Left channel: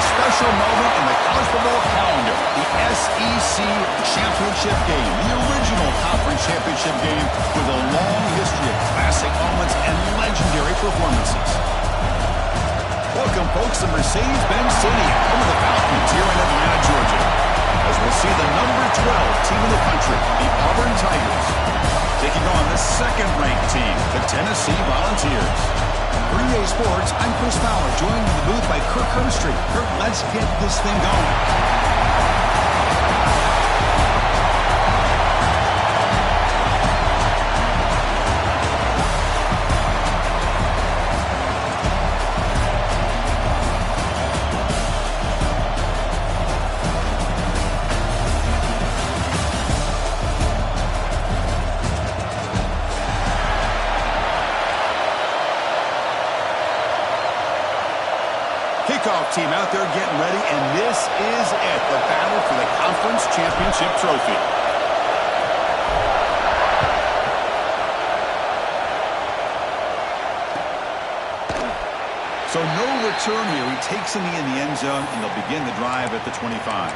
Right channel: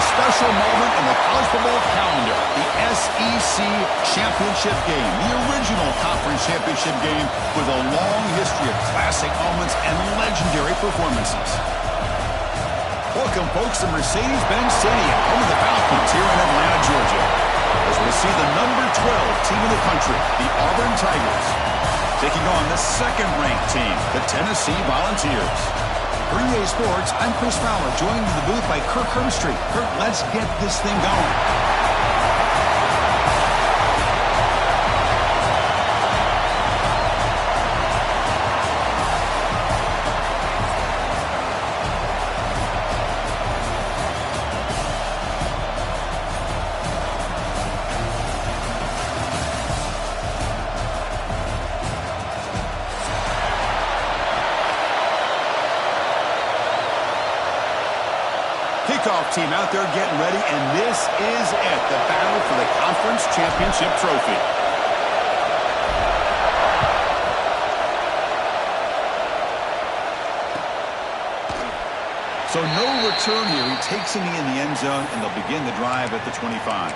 a special moment in the college football calendar, the SEC Championship game, the original conference championship game with a long history of classic moments and legendary performances. Welcome, folks, to Mercedes-Benz Stadium, home of the Falcons here in Atlanta, Georgia, as we'll see the number 12 team in the country, the Auburn Tigers, taking on the second-ranked team, the Tennessee Volunteers. For EA Sports, I'm Chris Fowler, joined in the booth by Kirk Herbstreit. Kirk, let's get this thing going. Kickoff team out there getting ready, and this is it, the battle for the conference championship trophy. So no return here. He takes him in the end zone, and they'll begin the drive at the 25.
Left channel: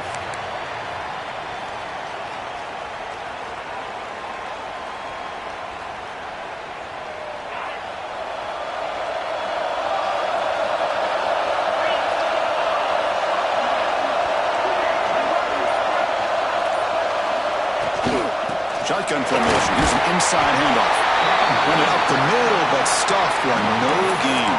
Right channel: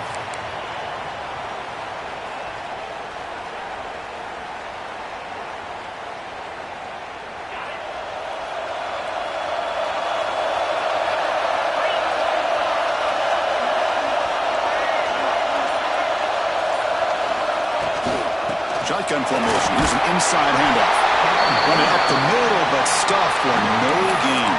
Shotgun formation. Here's an inside handoff. Running up the middle, but stuffed for no gain.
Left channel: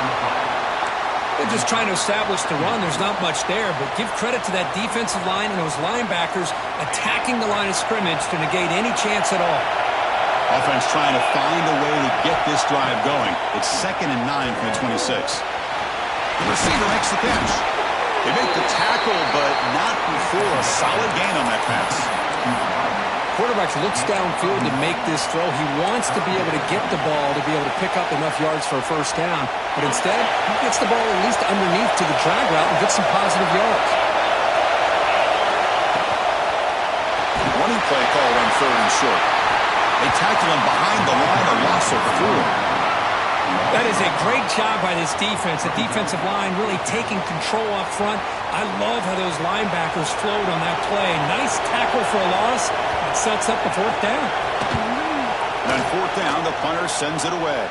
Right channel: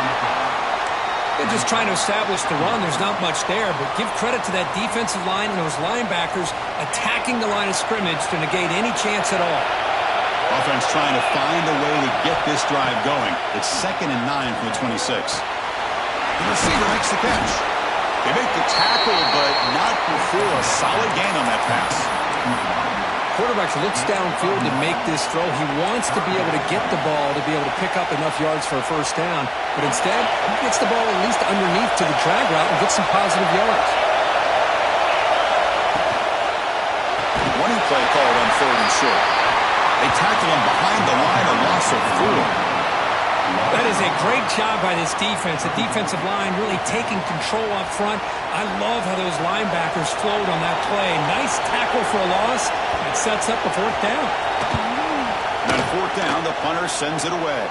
They're just trying to establish the run. There's not much there, but give credit to that defensive line and those linebackers attacking the line of scrimmage to negate any chance at all. Offense trying to find a way to get this drive going. It's 2nd and 9 from the 26. The receiver makes the catch. They make the tackle, but not before a solid gain on that pass. Quarterback looks downfield to make this throw. He wants to be able to get the ball to be able to pick up enough yards for a first down, but instead, he gets the ball at least underneath to the drag route and gets some positive yards. Running play called on 3rd and short. They tackle him behind the line, a loss of 4. That is a great job by this defense. The defensive line really taking control up front. I love how those linebackers flowed on that play. Nice tackle for a loss. It sets up a 4th down. And on 4th down, the punter sends it away.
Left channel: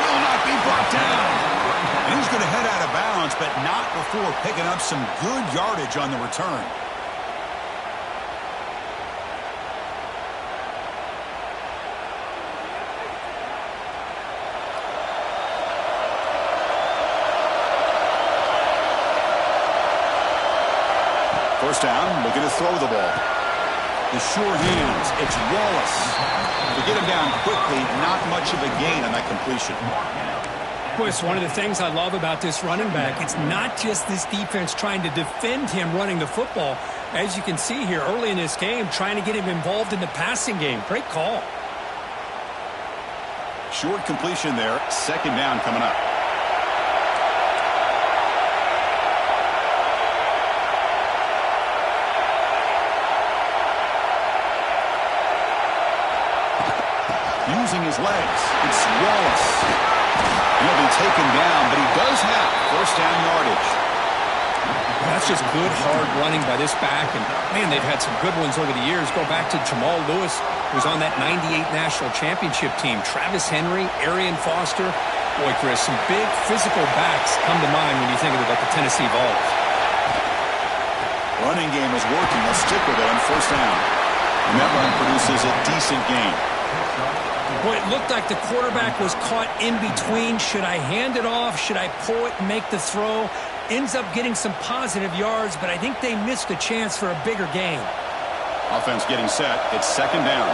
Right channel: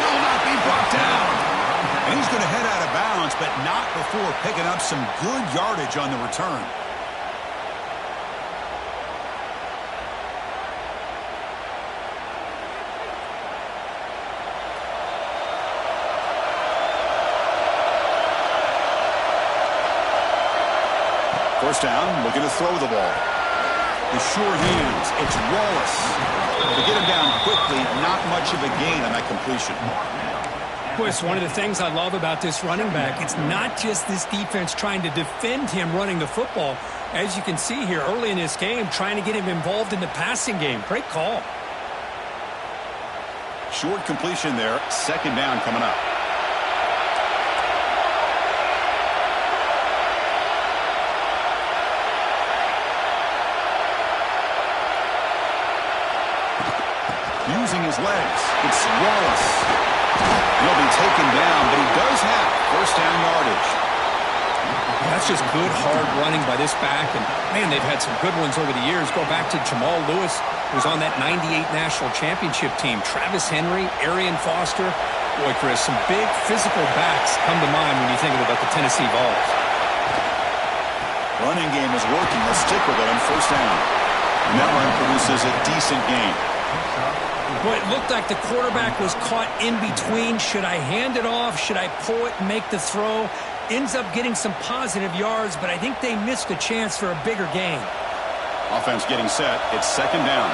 Will not be brought down. And he's going to head out of bounds, but not before picking up some good yardage on the return. First down, looking to throw the ball. The sure hands, it's Wallace. To get him down quickly, not much of a gain on that completion. Boy, it's one of the things I love about this running back. It's not just this defense trying to defend him running the football. As you can see here early in this game, trying to get him involved in the passing game. Great call. Short completion there, 2nd down coming up. Using his legs, it's Wallace. He'll be taken down, but he does have 1st down yardage. That's just good, hard running by this back. And, man, they've had some good ones over the years. Go back to Jamal Lewis, who was on that 98 national championship team. Travis Henry, Arian Foster. Boy, Chris, some big physical backs come to mind when you think about the Tennessee Vols. Running game is working. Let's stick with it on 1st down. And that run produces a decent gain. Boy, it looked like the quarterback was caught in between. Should I hand it off? Should I pull it and make the throw? Ends up getting some positive yards, but I think they missed a chance for a bigger gain. Offense getting set. It's 2nd down.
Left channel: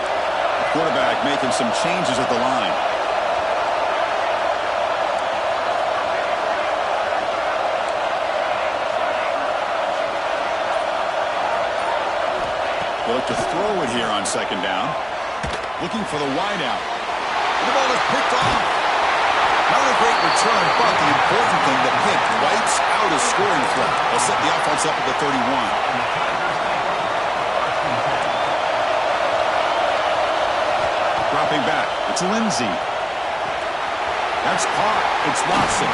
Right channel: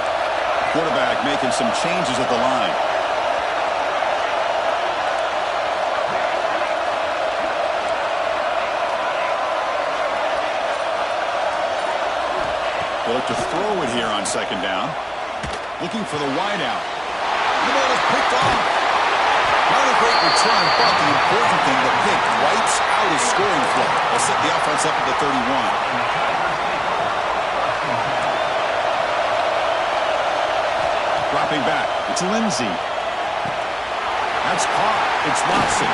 Quarterback making some changes at the line. They look to throw it here on 2nd down. Looking for the wideout. The ball is picked off. Not a great return, but the important thing, the pick wipes out his scoring threat. They'll set the offense up at the 31. Dropping back, it's Lindsey. That's caught. It's Watson.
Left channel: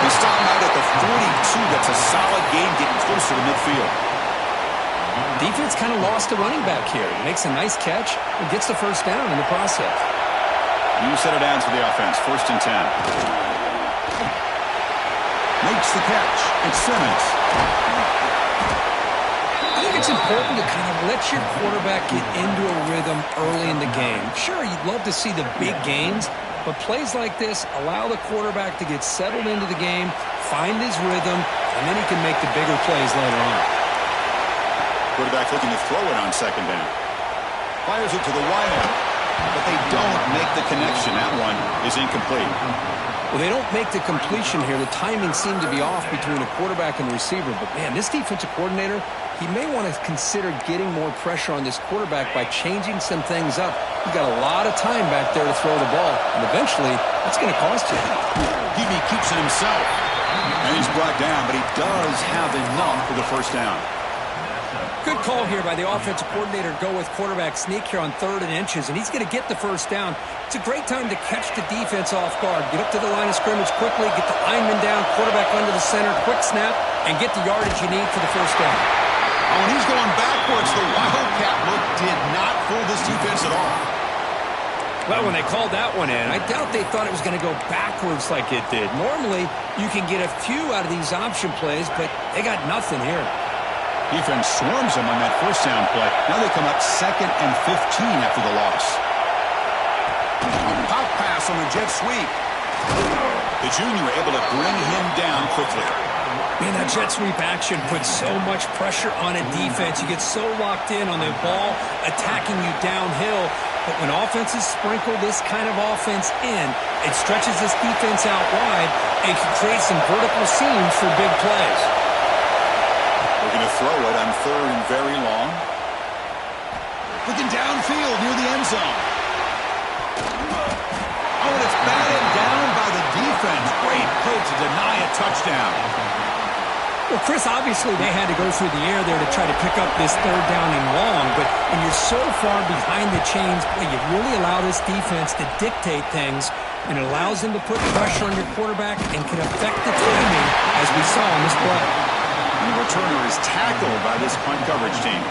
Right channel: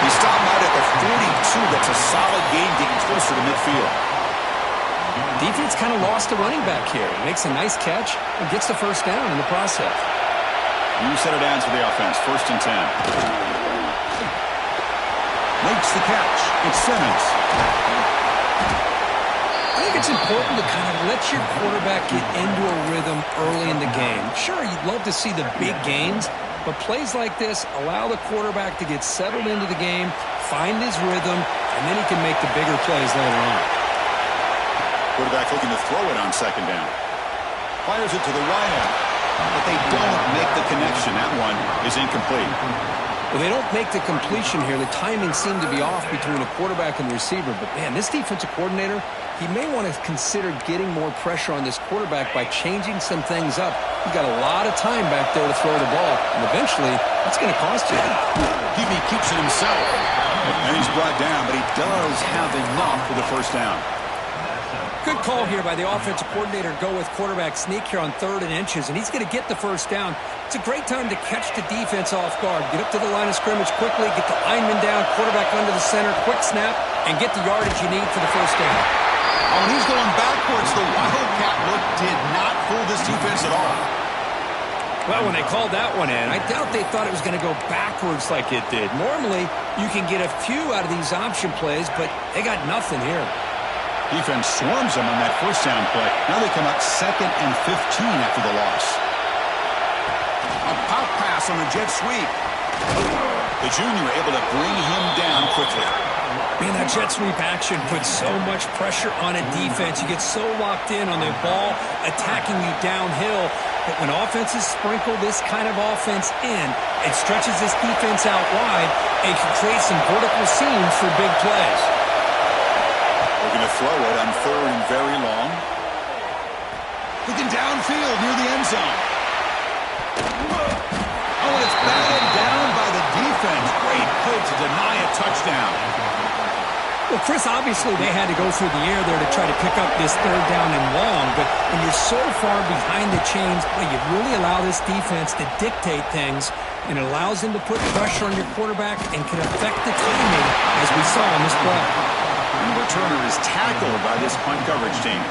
He stopped out at the 42. That's a solid gain getting closer to midfield. Defense kind of lost a running back here. He makes a nice catch and gets the first down in the process. New set of downs for the offense. 1st and 10. Makes the catch. It's Simmons. I think it's important to kind of let your quarterback get into a rhythm early in the game. Sure, you'd love to see the big gains, but plays like this allow the quarterback to get settled into the game, find his rhythm, and then he can make the bigger plays later on. Quarterback looking to throw it on 2nd down. Fires it to the wideout, but they don't make the connection. That one is incomplete. Well, they don't make the completion here. The timing seemed to be off between a quarterback and receiver. But, man, this defensive coordinator, he may want to consider getting more pressure on this quarterback by changing some things up. He's got a lot of time back there to throw the ball, and eventually that's going to cost you. Hebe keeps it himself. And he's brought down, but he does have enough for the first down. Good call here by the offensive coordinator. Go with quarterback sneak here on 3rd and inches, and he's going to get the first down. It's a great time to catch the defense off guard. Get up to the line of scrimmage quickly, get the lineman down, quarterback under the center, quick snap, and get the yardage you need for the first down. Oh, and he's going backwards. The Wildcat look did not fool this defense at all. Well, when they called that one in, I doubt they thought it was going to go backwards like it did. Normally, you can get a few out of these option plays, but they got nothing here. Defense swarms them on that first down play. Now they come up 2nd and 15 after the loss. A pop pass on a jet sweep. The junior able to bring him down quickly. Man, that jet sweep action puts so much pressure on a defense. You get so locked in on the ball attacking you downhill. But when offenses sprinkle this kind of offense in, it stretches this defense out wide and can create some vertical seams for big plays. Looking to throw it on 3rd and very long. Looking downfield near the end zone. Oh, and it's batted down by the defense. Great play to deny a touchdown. Well, Chris, obviously they had to go through the air there to try to pick up this 3rd down and long, but when you're so far behind the chains, well, you really allow this defense to dictate things, and it allows them to put pressure on your quarterback and can affect the timing, as we saw on this play. And the returner is tackled by this punt coverage team.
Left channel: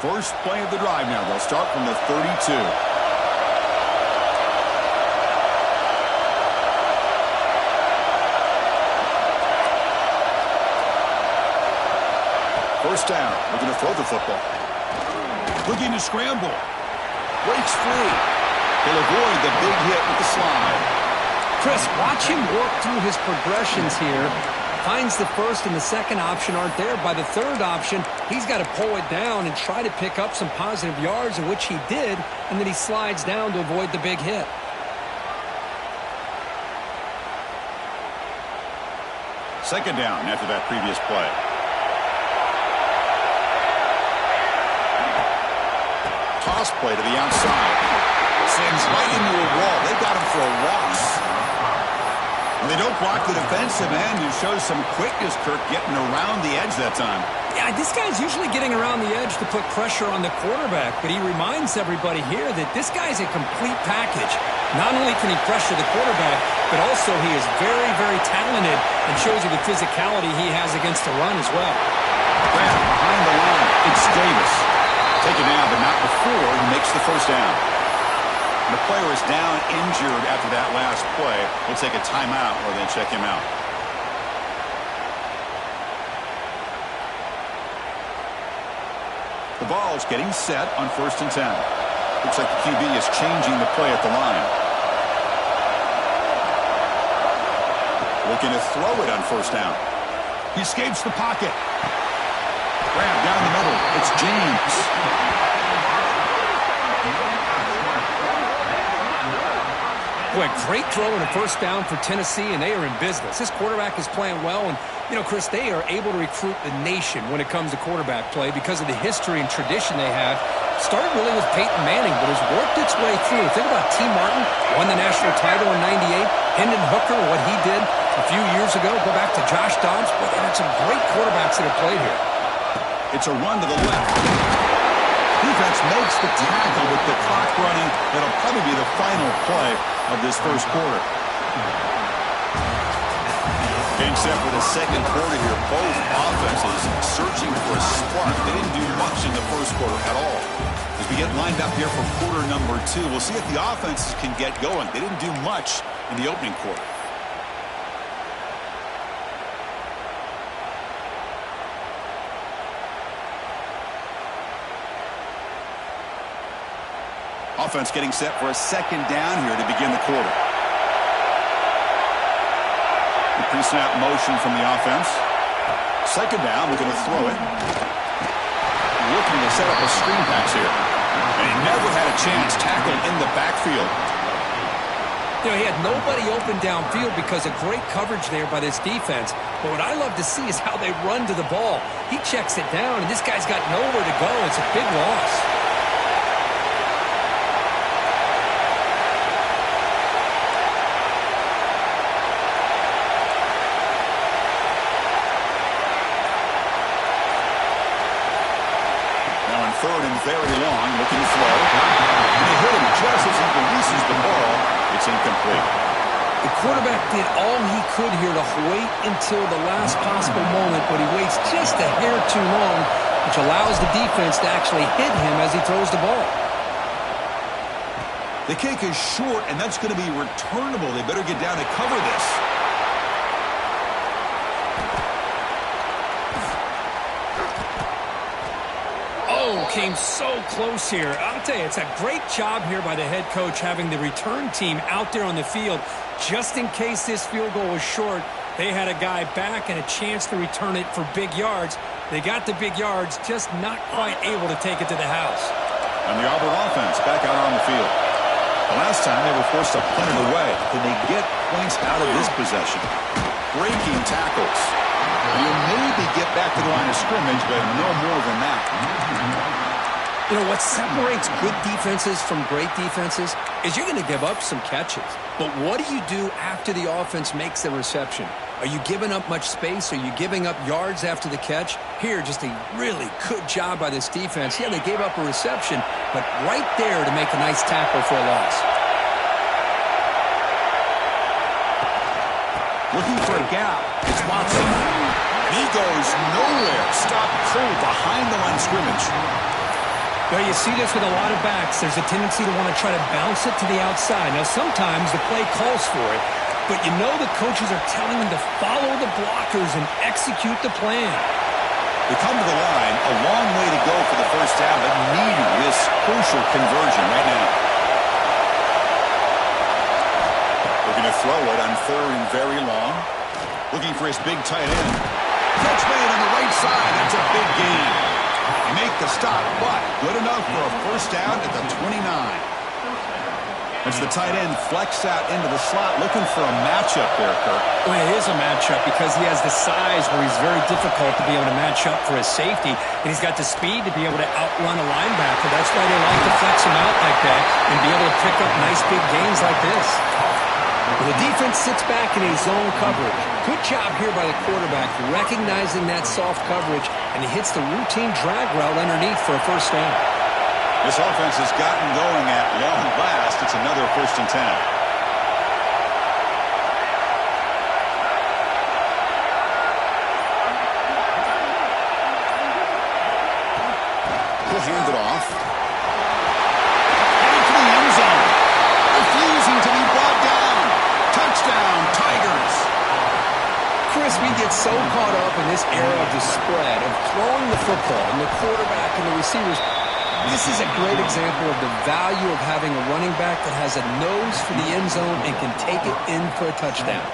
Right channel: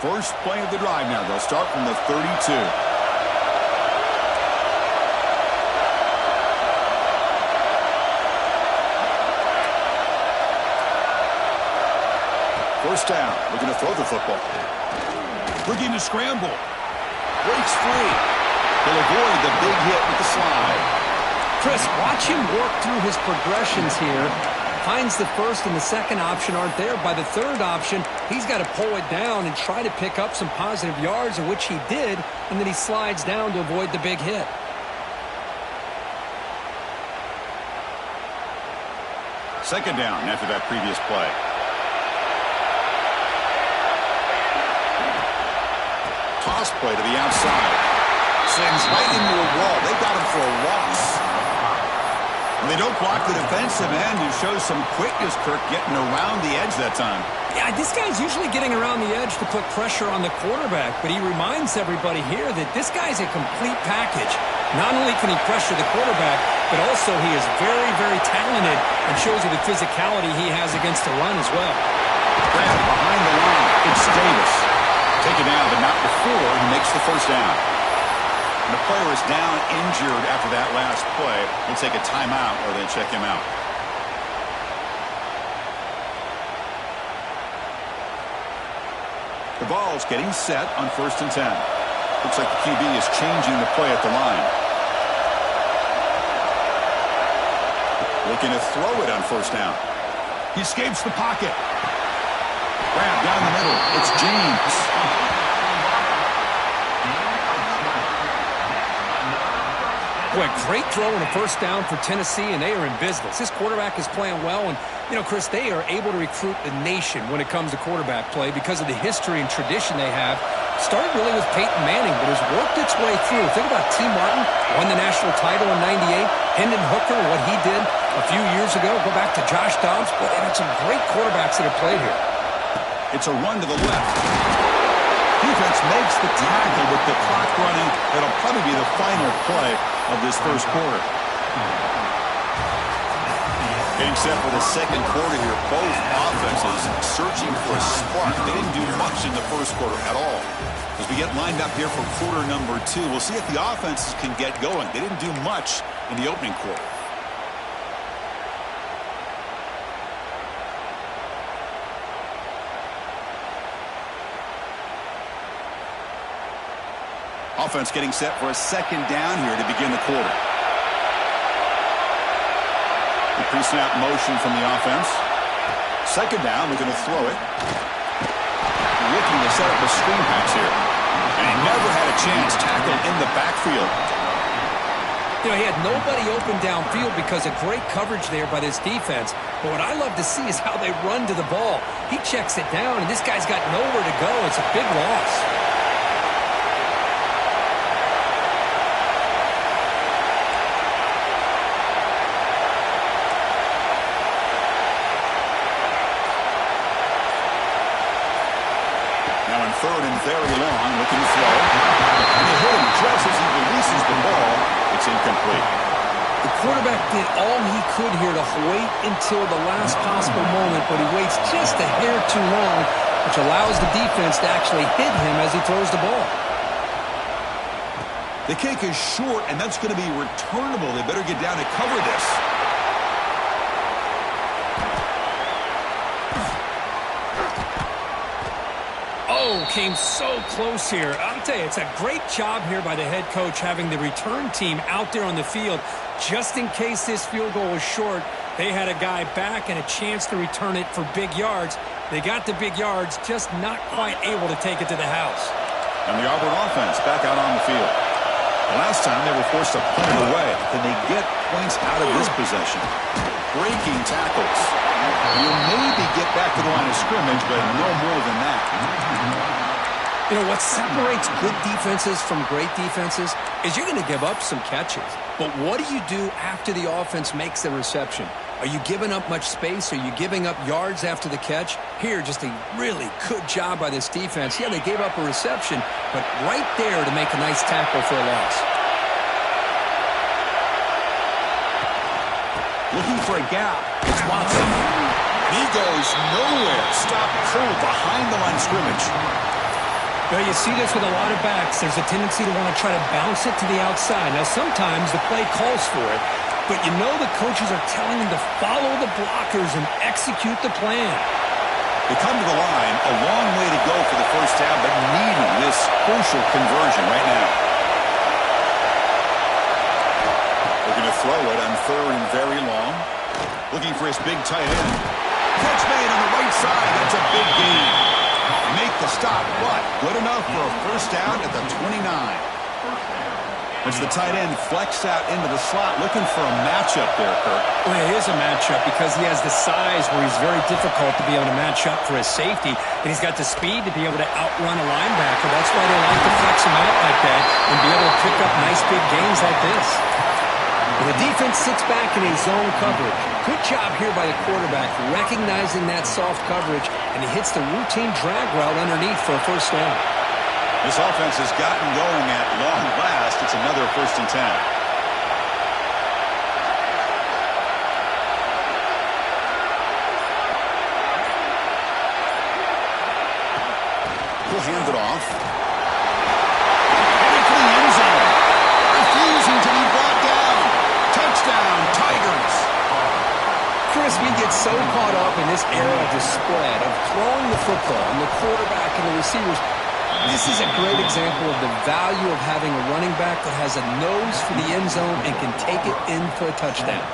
First play of the drive now. They'll start from the 32. First down. Looking to throw the football. Looking to scramble. Breaks free. He'll avoid the big hit with the slide. Chris, watch him work through his progressions here. Finds the first and the second option aren't there. By the third option, he's got to pull it down and try to pick up some positive yards, in which he did, and then he slides down to avoid the big hit. Second down after that previous play. Toss play to the outside. Sends right into a wall. They've got him for a loss. And they don't block the defensive end, who shows some quickness, Kirk, getting around the edge that time. Yeah, this guy's usually getting around the edge to put pressure on the quarterback, but he reminds everybody here that this guy's a complete package. Not only can he pressure the quarterback, but also he is very, very talented and shows you the physicality he has against the run as well. Grab behind the line. It's Davis. Taken down, but not before he makes the first down. And the player is down injured after that last play. We'll take a timeout or then check him out. The ball's getting set on 1st and 10. Looks like the QB is changing the play at the line. Looking to throw it on 1st down. He escapes the pocket. Grab down the middle. It's James. Boy, great throw and a first down for Tennessee, and they are in business. This quarterback is playing well, and, you know, Chris, they are able to recruit the nation when it comes to quarterback play because of the history and tradition they have. Started really with Peyton Manning, but has worked its way through. Think about T. Martin, won the national title in '98. Hendon Hooker, what he did. A few years ago, go back to Josh Dobbs, but they had some great quarterbacks that have played here. It's a run to the left. Defense makes the tackle with the clock running. That'll probably be the final play of this first quarter. Getting set for the second quarter here. Both offenses searching for a spark. They didn't do much in the first quarter at all. As we get lined up here for quarter number 2, we'll see if the offenses can get going. They didn't do much in the opening quarter. Offense getting set for a second down here to begin the quarter. The pre-snap motion from the offense. Second down, we're going to throw it. Looking to set up a screen pass here. And he never had a chance tackled in the backfield. You know, he had nobody open downfield because of great coverage there by this defense. But what I love to see is how they run to the ball. He checks it down, and this guy's got nowhere to go. It's a big loss. Now in third and very long, looking to throw. And they hit him just as he releases the ball. It's incomplete. The quarterback did all he could here to wait until the last possible moment, but he waits just a hair too long, which allows the defense to actually hit him as he throws the ball. The kick is short, and that's going to be returnable. They better get down and cover this. Oh, came so close here. I'll tell you, it's a great job here by the head coach having the return team out there on the field. Just in case this field goal was short, they had a guy back and a chance to return it for big yards. They got the big yards, just not quite able to take it to the house. And the Auburn offense back out on the field. The last time they were forced to punt it away. Can they get points out of this possession? Breaking tackles. You'll maybe get back to the line of scrimmage, but no more than that. You know, what separates good defenses from great defenses is you're going to give up some catches. But what do you do after the offense makes the reception? Are you giving up much space? Are you giving up yards after the catch? Here, just a really good job by this defense. Yeah, they gave up a reception, but right there to make a nice tackle for a loss. Looking for a gap. It's Watson. And he goes nowhere. Stop cold behind the line of scrimmage. Well, you see this with a lot of backs. There's a tendency to want to try to bounce it to the outside. Now, sometimes the play calls for it, but you know the coaches are telling them to follow the blockers and execute the plan. They come to the line, a long way to go for the first down, but needing this crucial conversion right now. Looking to throw it on third and very long. Looking for his big tight end. Catch made on the right side. That's a big gain. They make the stop, but good enough for a first down at the 29. As the tight end flexed out into the slot, looking for a matchup there, Kirk. Well, it is a matchup because he has the size where he's very difficult to be able to match up for his safety, and he's got the speed to be able to outrun a linebacker. That's why they like to flex him out like that and be able to pick up nice big gains like this. Well, the defense sits back in a zone coverage. Good job here by the quarterback recognizing that soft coverage, and he hits the routine drag route underneath for a first down. This offense has gotten going at long last. It's another 1st and 10. We'll hand it off. Headed for the end zone. Refusing to be brought down. Touchdown, Tigers. Chris, we get so caught up in this era of the spread, of throwing the football, and the quarterback and the receivers. This is a great example of the value of having a running back that has a nose for the end zone and can take it in for a touchdown.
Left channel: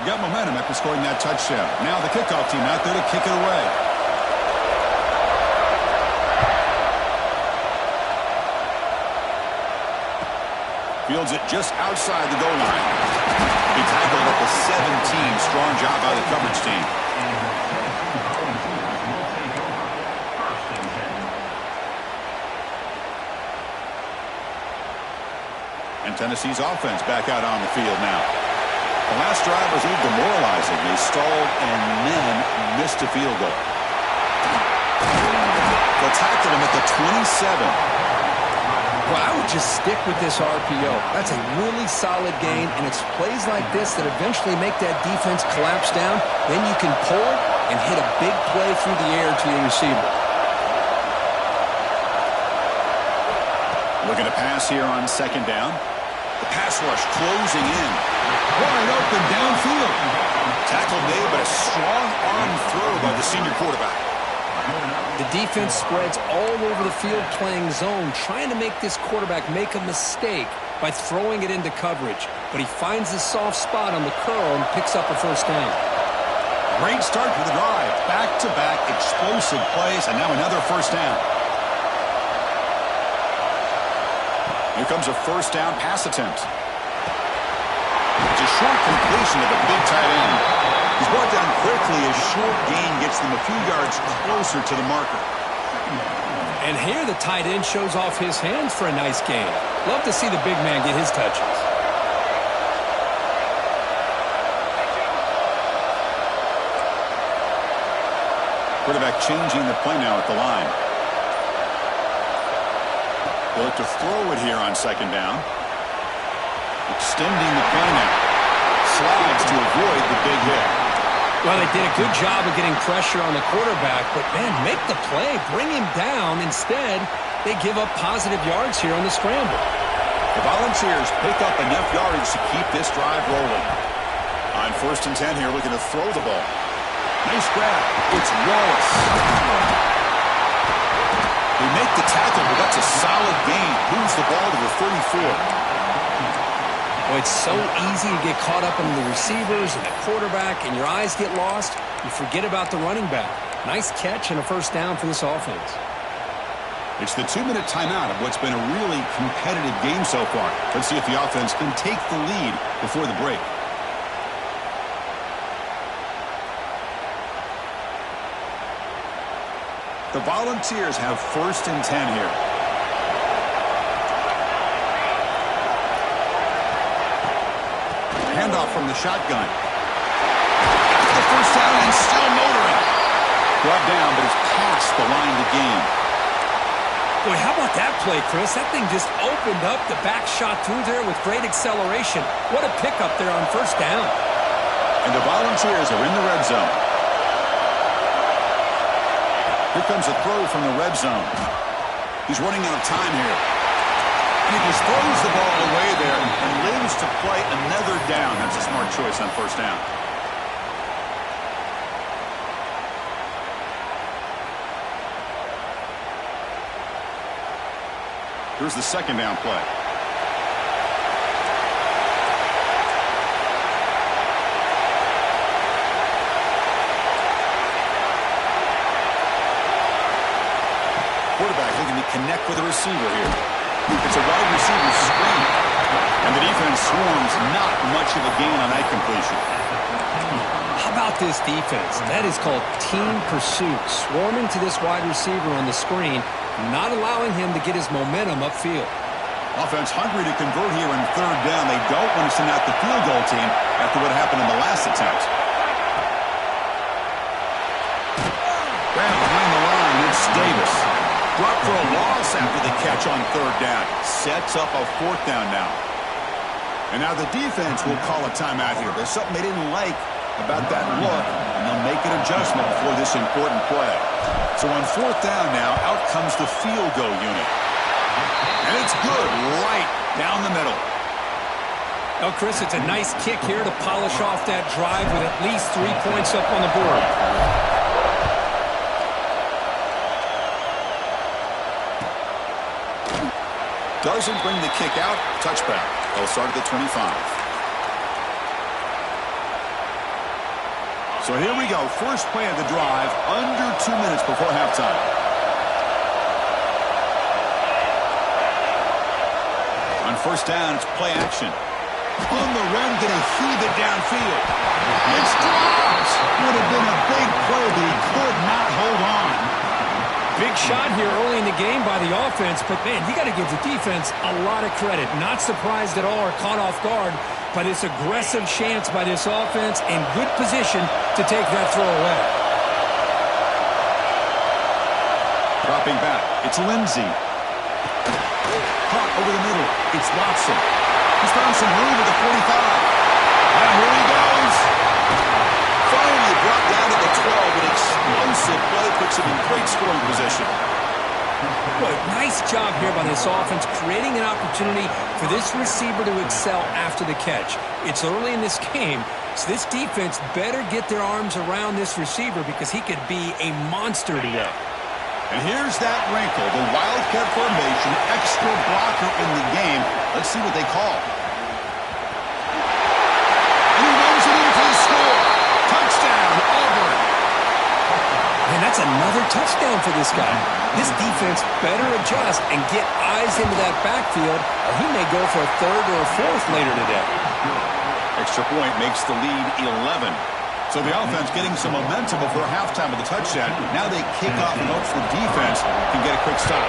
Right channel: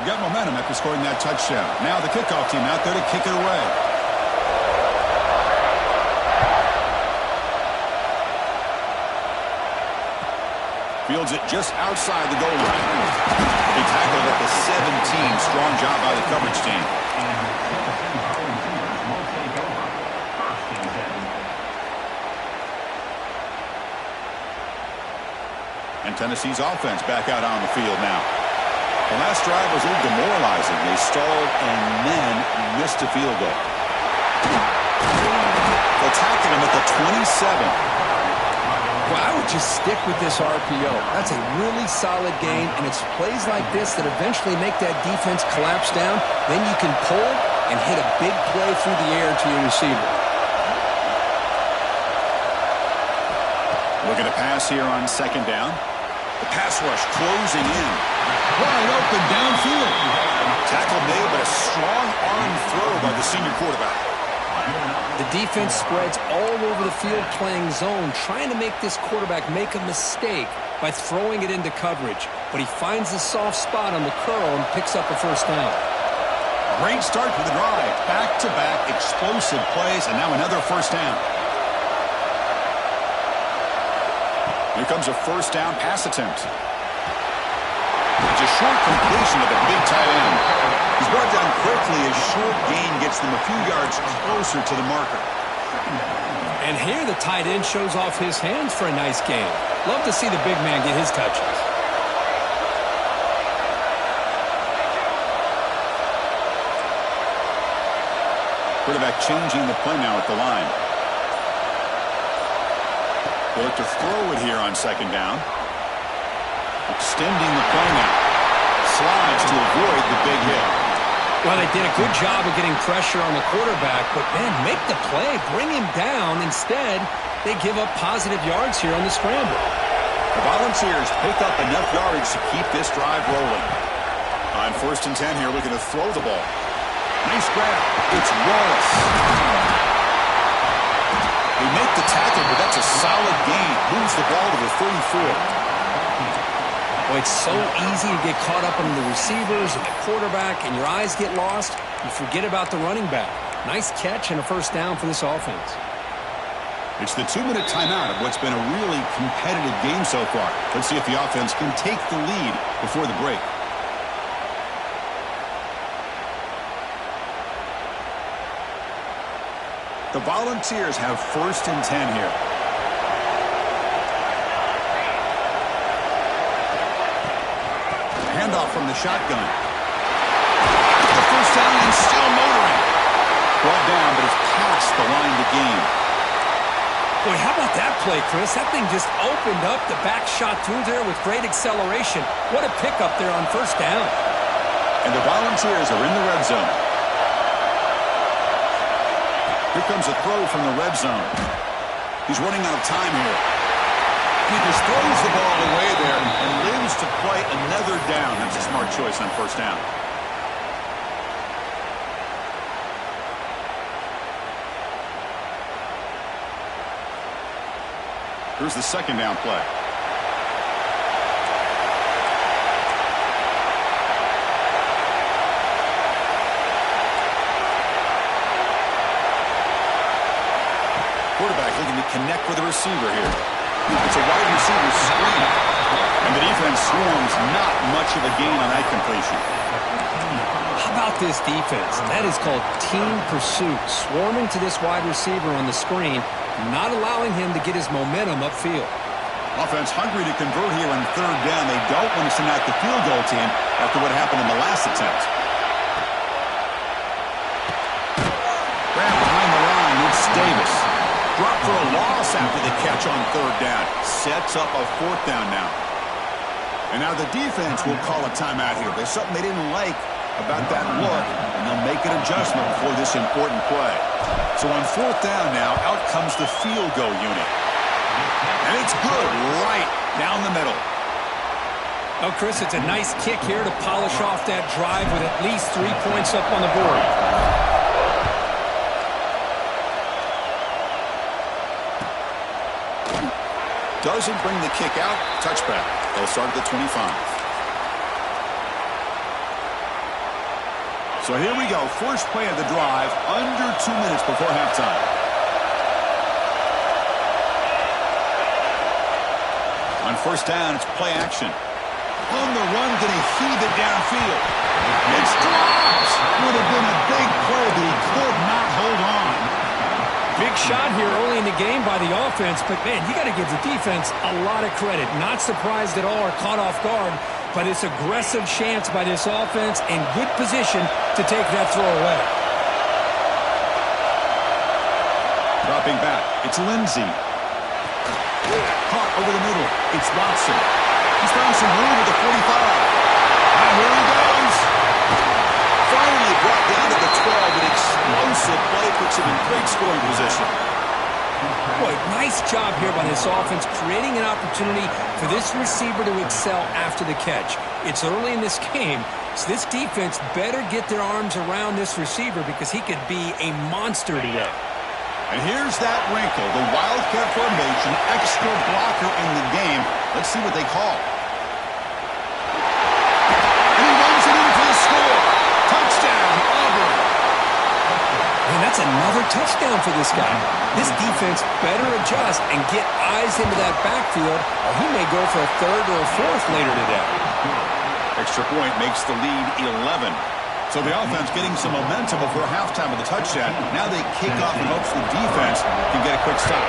You got momentum after scoring that touchdown. Now the kickoff team out there to kick it away. Fields it just outside the goal line. He tackled at the 17. Strong job by the coverage team. And Tennessee's offense back out on the field now. The last drive was a little demoralizing. They stalled and then missed a field goal. They'll tackle him at the 27. Well, I would just stick with this RPO. That's a really solid gain, and it's plays like this that eventually make that defense collapse down. Then you can pull and hit a big play through the air to your receiver. Looking to pass here on second down. The pass rush closing in. Wide open downfield. Tackle made, but a strong arm throw by the senior quarterback. The defense spreads all over the field playing zone, trying to make this quarterback make a mistake by throwing it into coverage. But he finds the soft spot on the curl and picks up a first down. Great start for the drive. Back-to-back explosive plays, and now another first down. Here comes a first down pass attempt. It's a short completion to the big tight end. He's brought down quickly as short gain gets them a few yards closer to the marker. And here the tight end shows off his hands for a nice gain. Love to see the big man get his touches. Quarterback changing the play now at the line. They'll look to throw it here on second down. Extending the play now. Slides to avoid the big hit. Well, they did a good job of getting pressure on the quarterback, but, man, make the play. Bring him down. Instead, they give up positive yards here on the scramble. The Volunteers pick up enough yardage to keep this drive rolling. On 1st and 10 here, looking to throw the ball. Nice grab. It's Wallace. They make the tackle, but that's a solid gain. Moves the ball to the 34. Well, it's so easy to get caught up in the receivers and the quarterback, and your eyes get lost. You forget about the running back. Nice catch and a first down for this offense. It's the 2-minute timeout of what's been a really competitive game so far. Let's see if the offense can take the lead before the break. The Volunteers have 1st and 10 here. Handoff from the shotgun. Got the first down and still motoring. Brought down, but it's past the line to gain. Boy, how about that play, Chris? That thing just opened up. The back shot through there with great acceleration. What a pickup there on first down. And the Volunteers are in the red zone. Here comes a throw from the red zone. He's running out of time here. He just throws the ball away there and lives to play another down. That's a smart choice on first down. Here's the second down play. Quarterback looking to connect with a receiver here. It's a wide receiver screen. And the defense swarms, not much of a gain on that completion. How about this defense? That is called team pursuit. Swarming to this wide receiver on the screen, not allowing him to get his momentum upfield. Offense hungry to convert here on third down. They don't want to send out the field goal team after what happened in the last attempt. Grab behind the line. It's Davis. Drop for a loss after the catch on third down. Sets up a fourth down now. And now the defense will call a timeout here. There's something they didn't like about that look, and they'll make an adjustment before this important play. So on fourth down now, out comes the field goal unit. And it's good right down the middle. Oh, Chris, it's a nice kick here to polish off that drive with at least 3 points up on the board. Doesn't bring the kick out. Touchback. They'll start at the 25. So here we go. First play of the drive. Under 2 minutes before halftime. On first down, it's play action. On the run, going to heave it downfield. It's dropped. Would have been a big play, but he could not hold on. Big shot here early in the game by the offense, but, man, you got to give the defense a lot of credit. Not surprised at all or caught off guard by this aggressive chance by this offense in good position to take that throw away. Dropping back, it's Lindsey. Caught over the middle, it's Watson. He's found some room at the 45. And here he goes. Finally brought down to the 12. An explosive play puts him in great scoring position. Boy, nice job here by this offense, creating an opportunity for this receiver to excel after the catch. It's early in this game, so this defense better get their arms around this receiver because he could be a monster today. And here's that wrinkle, the Wildcat formation, extra blocker in the game. Let's see what they call. And he runs it in for the score. Touchdown, Auburn. And that's another touchdown for this guy. This defense better adjust and get eyes into that backfield, or he may go for a third or a fourth later today. Extra point makes the lead 11. So the offense getting some momentum before halftime with the touchdown. Now they kick off in hopes the defense can get a quick stop.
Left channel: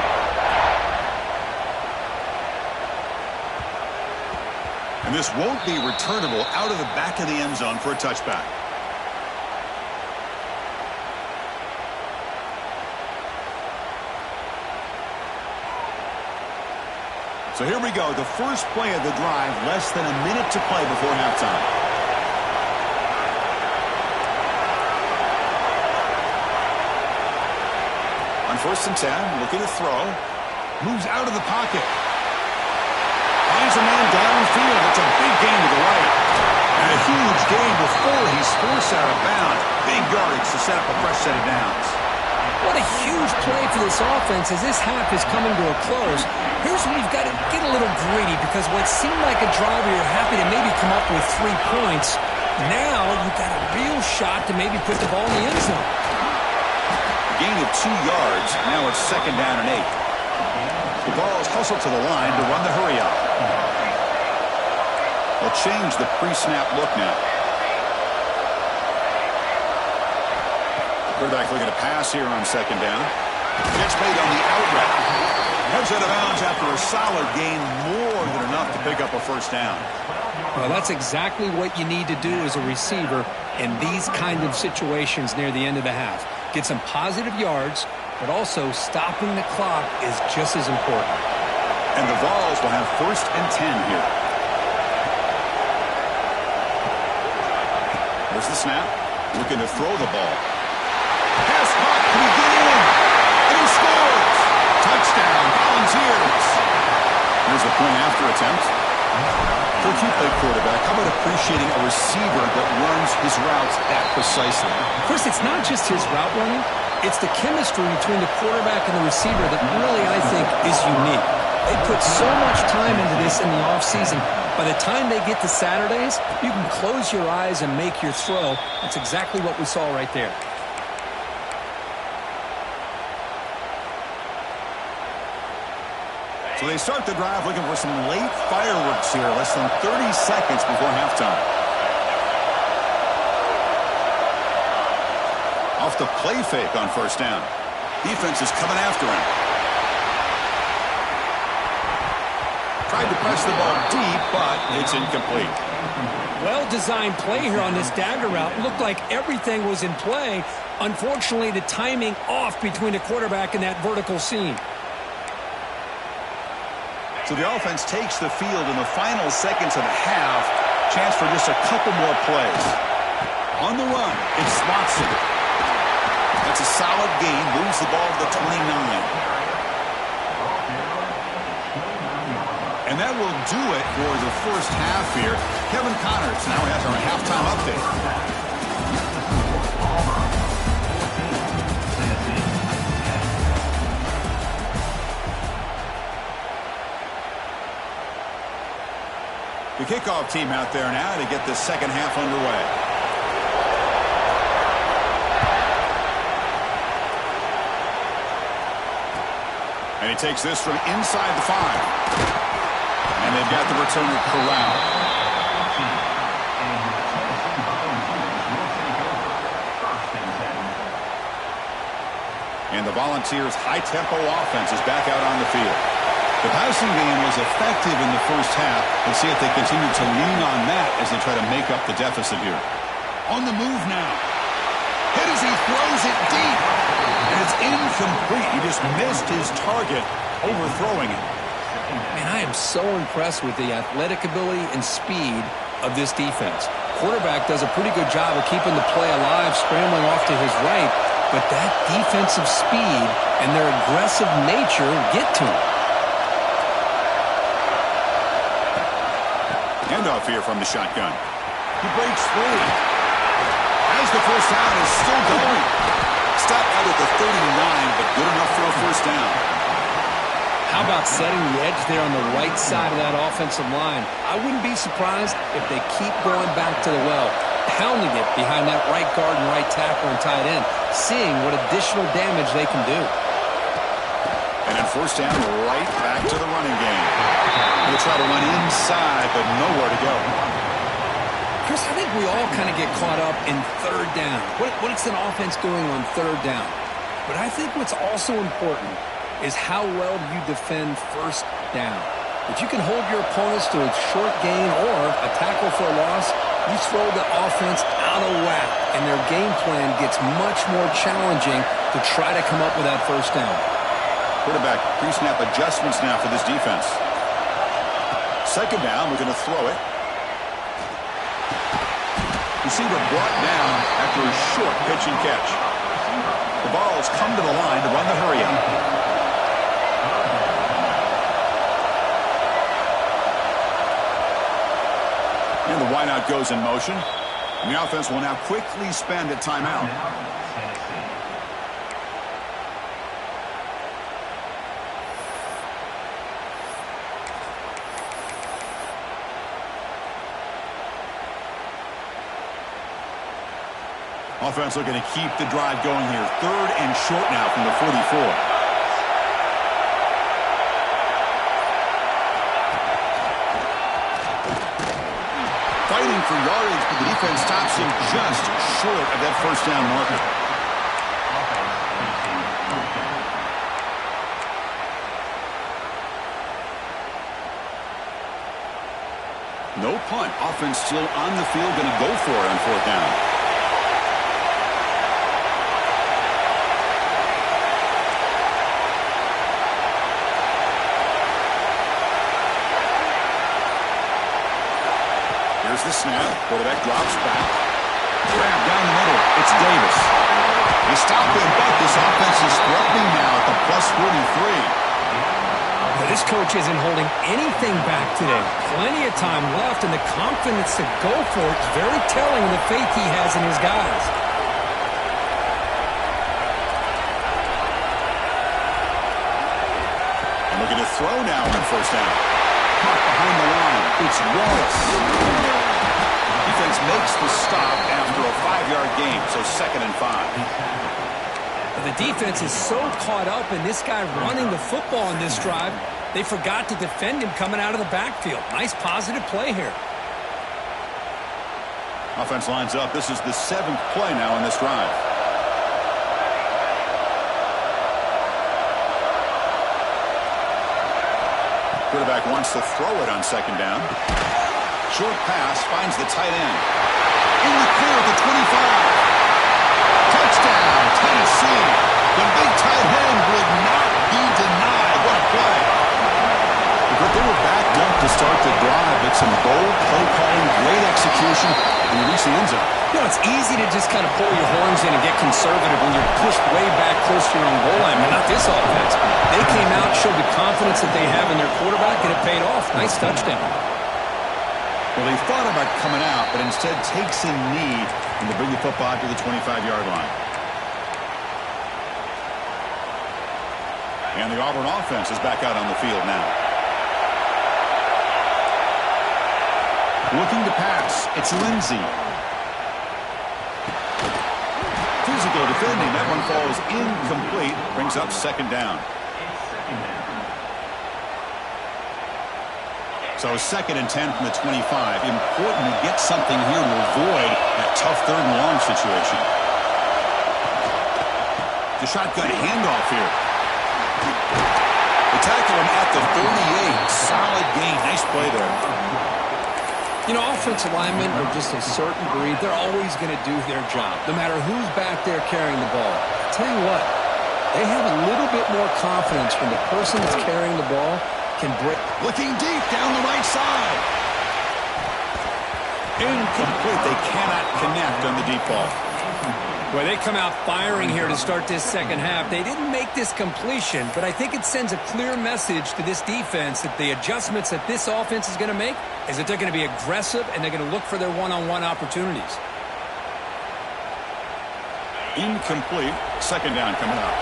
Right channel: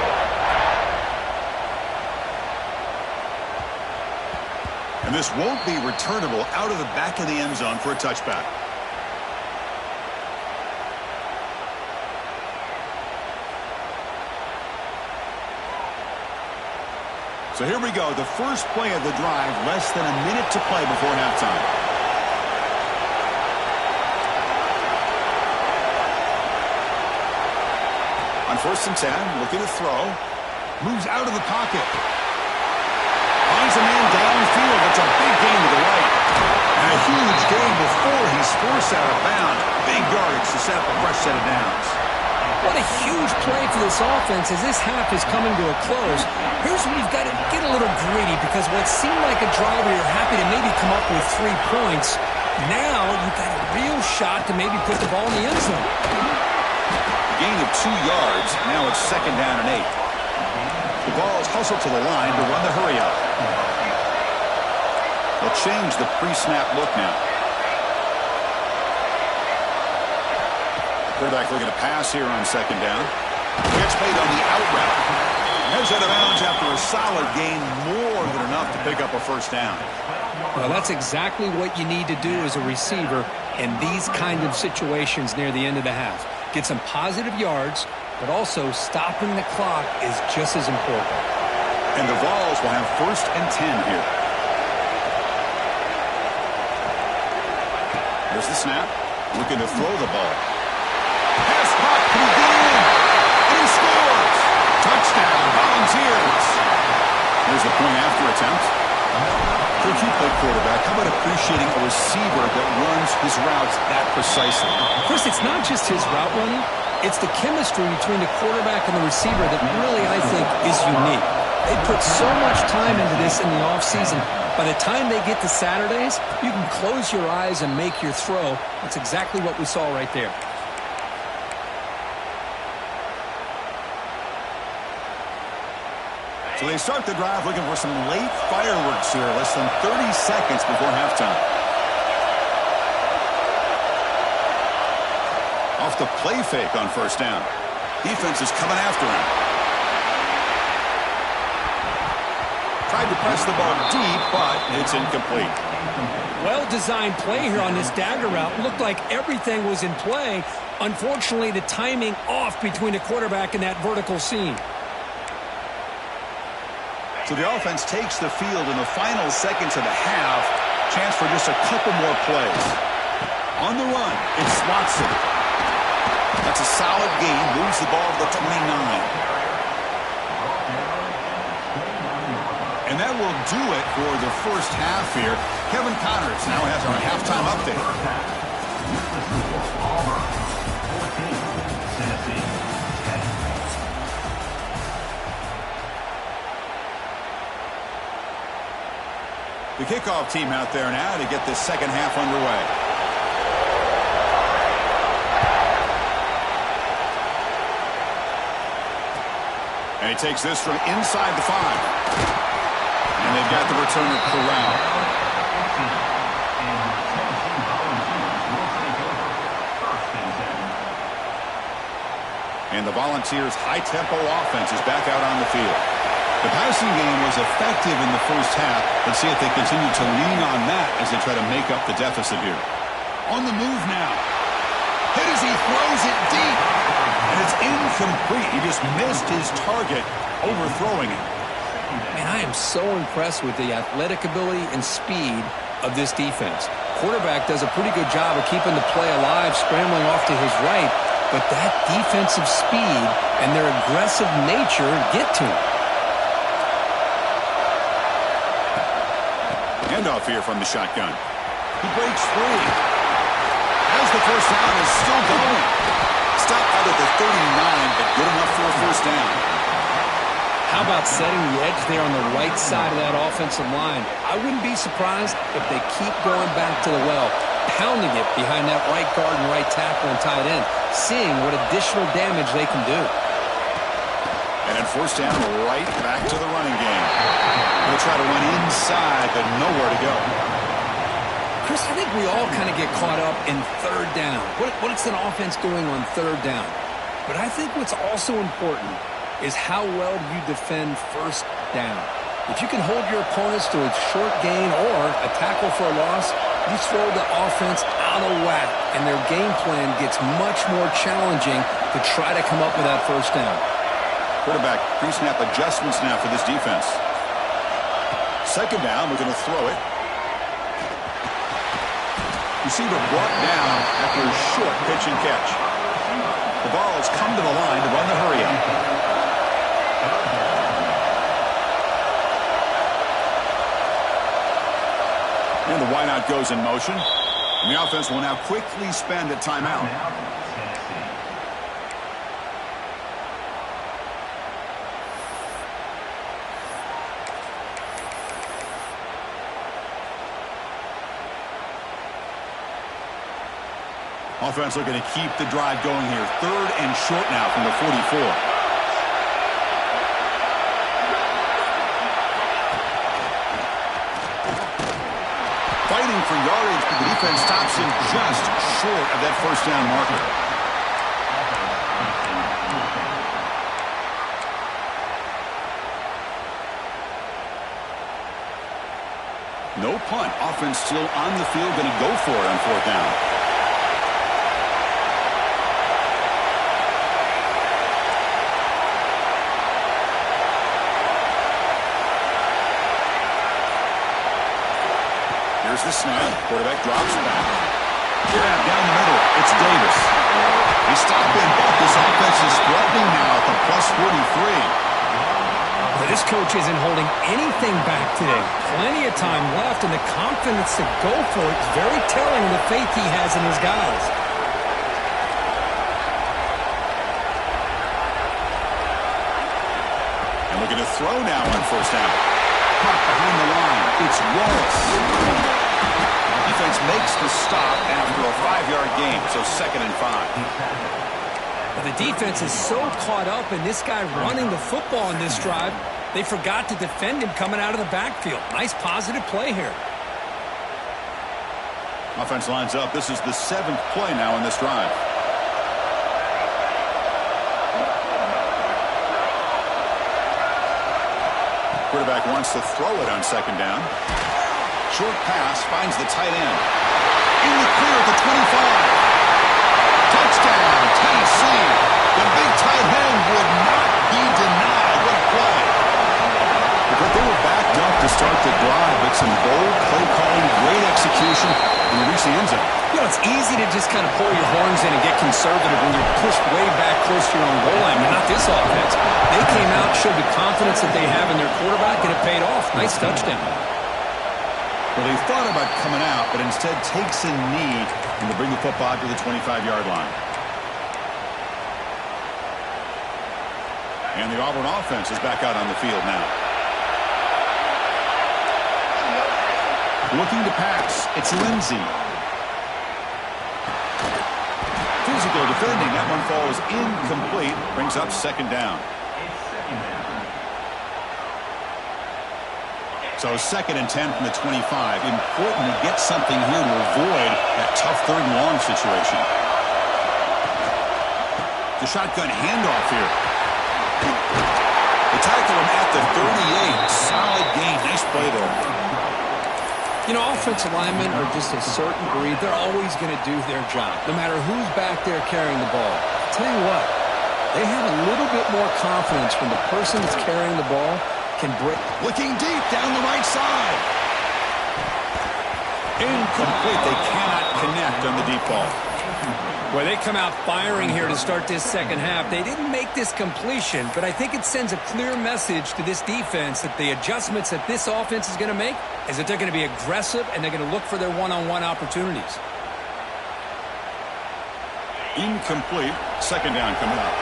And this won't be returnable out of the back of the end zone for a touchback. So here we go, the first play of the drive, less than a minute to play before halftime. On 1st and 10, looking to throw. Moves out of the pocket. Finds a man downfield. That's a big gain to the right. And a huge gain before he's forced out of bounds. Big yardage to set up a fresh set of downs. What a huge play for this offense as this half is coming to a close. Here's where you've got to get a little greedy because what seemed like a drive where you're happy to maybe come up with 3 points, now you've got a real shot to maybe put the ball in the end zone. Gain of 2 yards. Now it's 2nd down and 8. The ball is hustled to the line to run the hurry up. They'll change the pre-snap look now. Quarterback looking to pass here on 2nd down. Gets made on the out route. Heads out of bounds after a solid gain, more than enough to pick up a 1st down. Well, that's exactly what you need to do as a receiver in these kind of situations near the end of the half. Get some positive yards, but also stopping the clock is just as important. And the Vols will have 1st and 10 here. There's the snap. Looking to throw the ball. Pass caught. Can he get in? And he scores. Touchdown, Volunteers. Here's the point after attempt. Coach, you play quarterback. How about appreciating a receiver that runs his routes that precisely? Chris, it's not just his route running. It's the chemistry between the quarterback and the receiver that really, I think, is unique. They put so much time into this in the offseason. By the time they get to Saturdays, you can close your eyes and make your throw. That's exactly what we saw right there. So they start the drive looking for some late fireworks here, less than 30 seconds before halftime. Off the play fake on 1st down. Defense is coming after him. Tried to press the ball deep, but it's incomplete. Well-designed play here on this dagger route. Looked like everything was in play. Unfortunately, the timing off between the quarterback and that vertical seam. So the offense takes the field in the final seconds of the half. Chance for just a couple more plays. On the run, it's Watson. That's a solid gain. Moves the ball to the 29. And that will do it for the first half here. Kevin Connors now has our halftime update. The kickoff team out there now to get this second half underway. And he takes this from inside the 5. And they've got the returner corralled. And the Volunteers' high-tempo offense is back out on the field. The passing game was effective in the first half. Let's see if they continue to lean on that as they try to make up the deficit here. On the move now. Hit as he throws it deep. And it's incomplete. He just missed his target, overthrowing it. Man, I am so impressed with the athletic ability and speed of this defense. Quarterback does a pretty good job of keeping the play alive, scrambling off to his right. But that defensive speed and their aggressive nature get to him. Handoff here from the shotgun. He breaks free. As the first down is still going. Stopped out at the 39, but good enough for a first down. How about setting the edge there on the right side of that offensive line? I wouldn't be surprised if they keep going back to the well, pounding it behind that right guard and right tackle and tight end, seeing what additional damage they can do. And then first down, right back to the running game. They'll try to run inside, but nowhere to go. Chris, I think we all kind of get caught up in third down. What is an offense doing on third down? But I think what's also important is how well do you defend first down. If you can hold your opponents to a short gain or a tackle for a loss, you throw the offense out of whack, and their game plan gets much more challenging to try to come up with that first down. Quarterback pre-snap adjustments now for this defense. Second down, we're going to throw it. Receiver brought down after a short pitch and catch. The ball's come to the line to run the hurry-up. And the wideout goes in motion. And the offense will now quickly spend a timeout. Offense looking to keep the drive going here. Third and short now from the 44. Fighting for yardage, but the defense stops him just short of that first down marker. No punt. Offense still on the field, going to go for it on fourth down. Here's the snap. Quarterback drops back. Grab down the middle. It's Davis. They stop him, but this offense is threatening now at the plus 43. But this coach isn't holding anything back today. Plenty of time left, and the confidence to go for it is very telling of the faith he has in his guys. And looking to throw now on first down. Caught behind the line. It's Wallace. Defense makes the stop after a 5-yard gain, so 2nd and 5. But the defense is so caught up in this guy running the football in this drive, they forgot to defend him coming out of the backfield. Nice positive play here. Offense lines up. This is the 7th play now in this drive. Quarterback wants to throw it on second down. Short pass finds the tight end. In the clear at the 25. Touchdown, Tennessee. The big tight end would not be denied. What a play. But they were backed up to start the drive, but some bold play calling, great execution, and they reach the end zone. You know, it's easy to just kind of pull your horns in and get conservative when you're pushed way back close to your own goal line, but not this offense. They came out, showed the confidence that they have in their quarterback, and it paid off. Nice touchdown. Well, they thought about coming out, but instead takes a knee and they bring the football to the 25-yard line. And the Auburn offense is back out on the field now. Looking to pass. It's Lindsey. Physical defending. That one falls incomplete. Brings up second down. So 2nd and 10 from the 25. Important to get something here to avoid that tough 3rd and long situation. The shotgun handoff here. They tackle him at the 38. Solid gain. Nice play there. You know, offensive linemen are just a certain breed. They're always going to do their job, no matter who's back there carrying the ball. I'll tell you what, they have a little bit more confidence when the person that's carrying the ball can break. Looking deep down the right side. Incomplete. They cannot connect on the deep ball. Well, they come out firing here to start this second half. They didn't make this completion, but I think it sends a clear message to this defense that the adjustments that this offense is going to make is that they're going to be aggressive and they're going to look for their one-on-one opportunities. Incomplete. Second down coming up.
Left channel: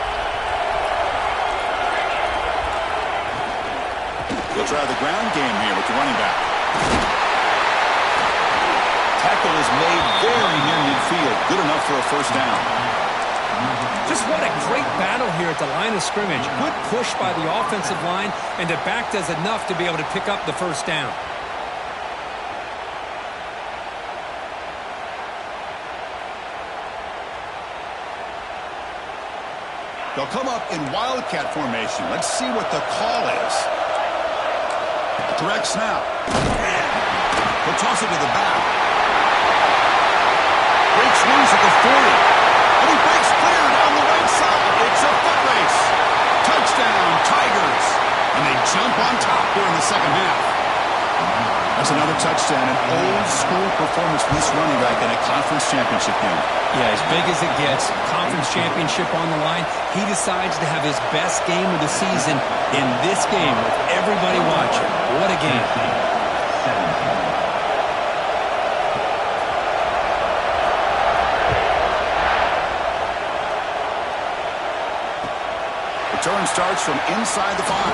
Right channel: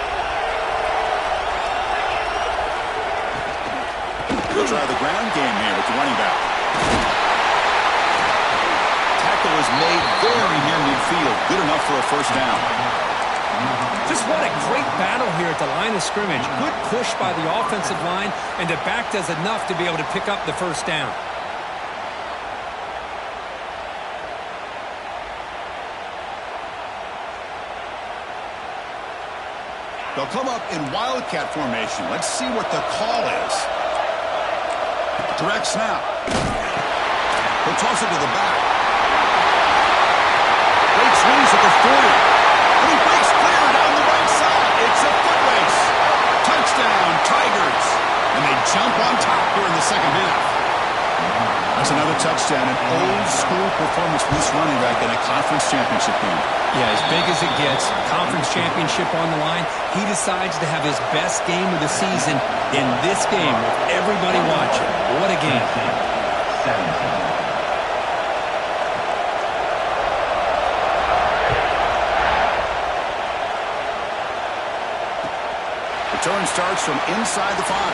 They'll try the ground game here with the running back. Tackle is made very near midfield. Good enough for a first down. Just what a great battle here at the line of scrimmage. Good push by the offensive line, and the back does enough to be able to pick up the first down. They'll come up in wildcat formation. Let's see what the call is. Direct snap. He'll toss it to the back. Breaks loose at the 40. And he breaks clear down the right side. It's a foot race. Touchdown, Tigers. And they jump on top here in the second half. That's another touchdown. An old-school performance for this running back in a conference championship game. Yeah, as big as it gets, conference championship on the line, he decides to have his best game of the season in this game with everybody watching. What a game. Return starts from inside the 5.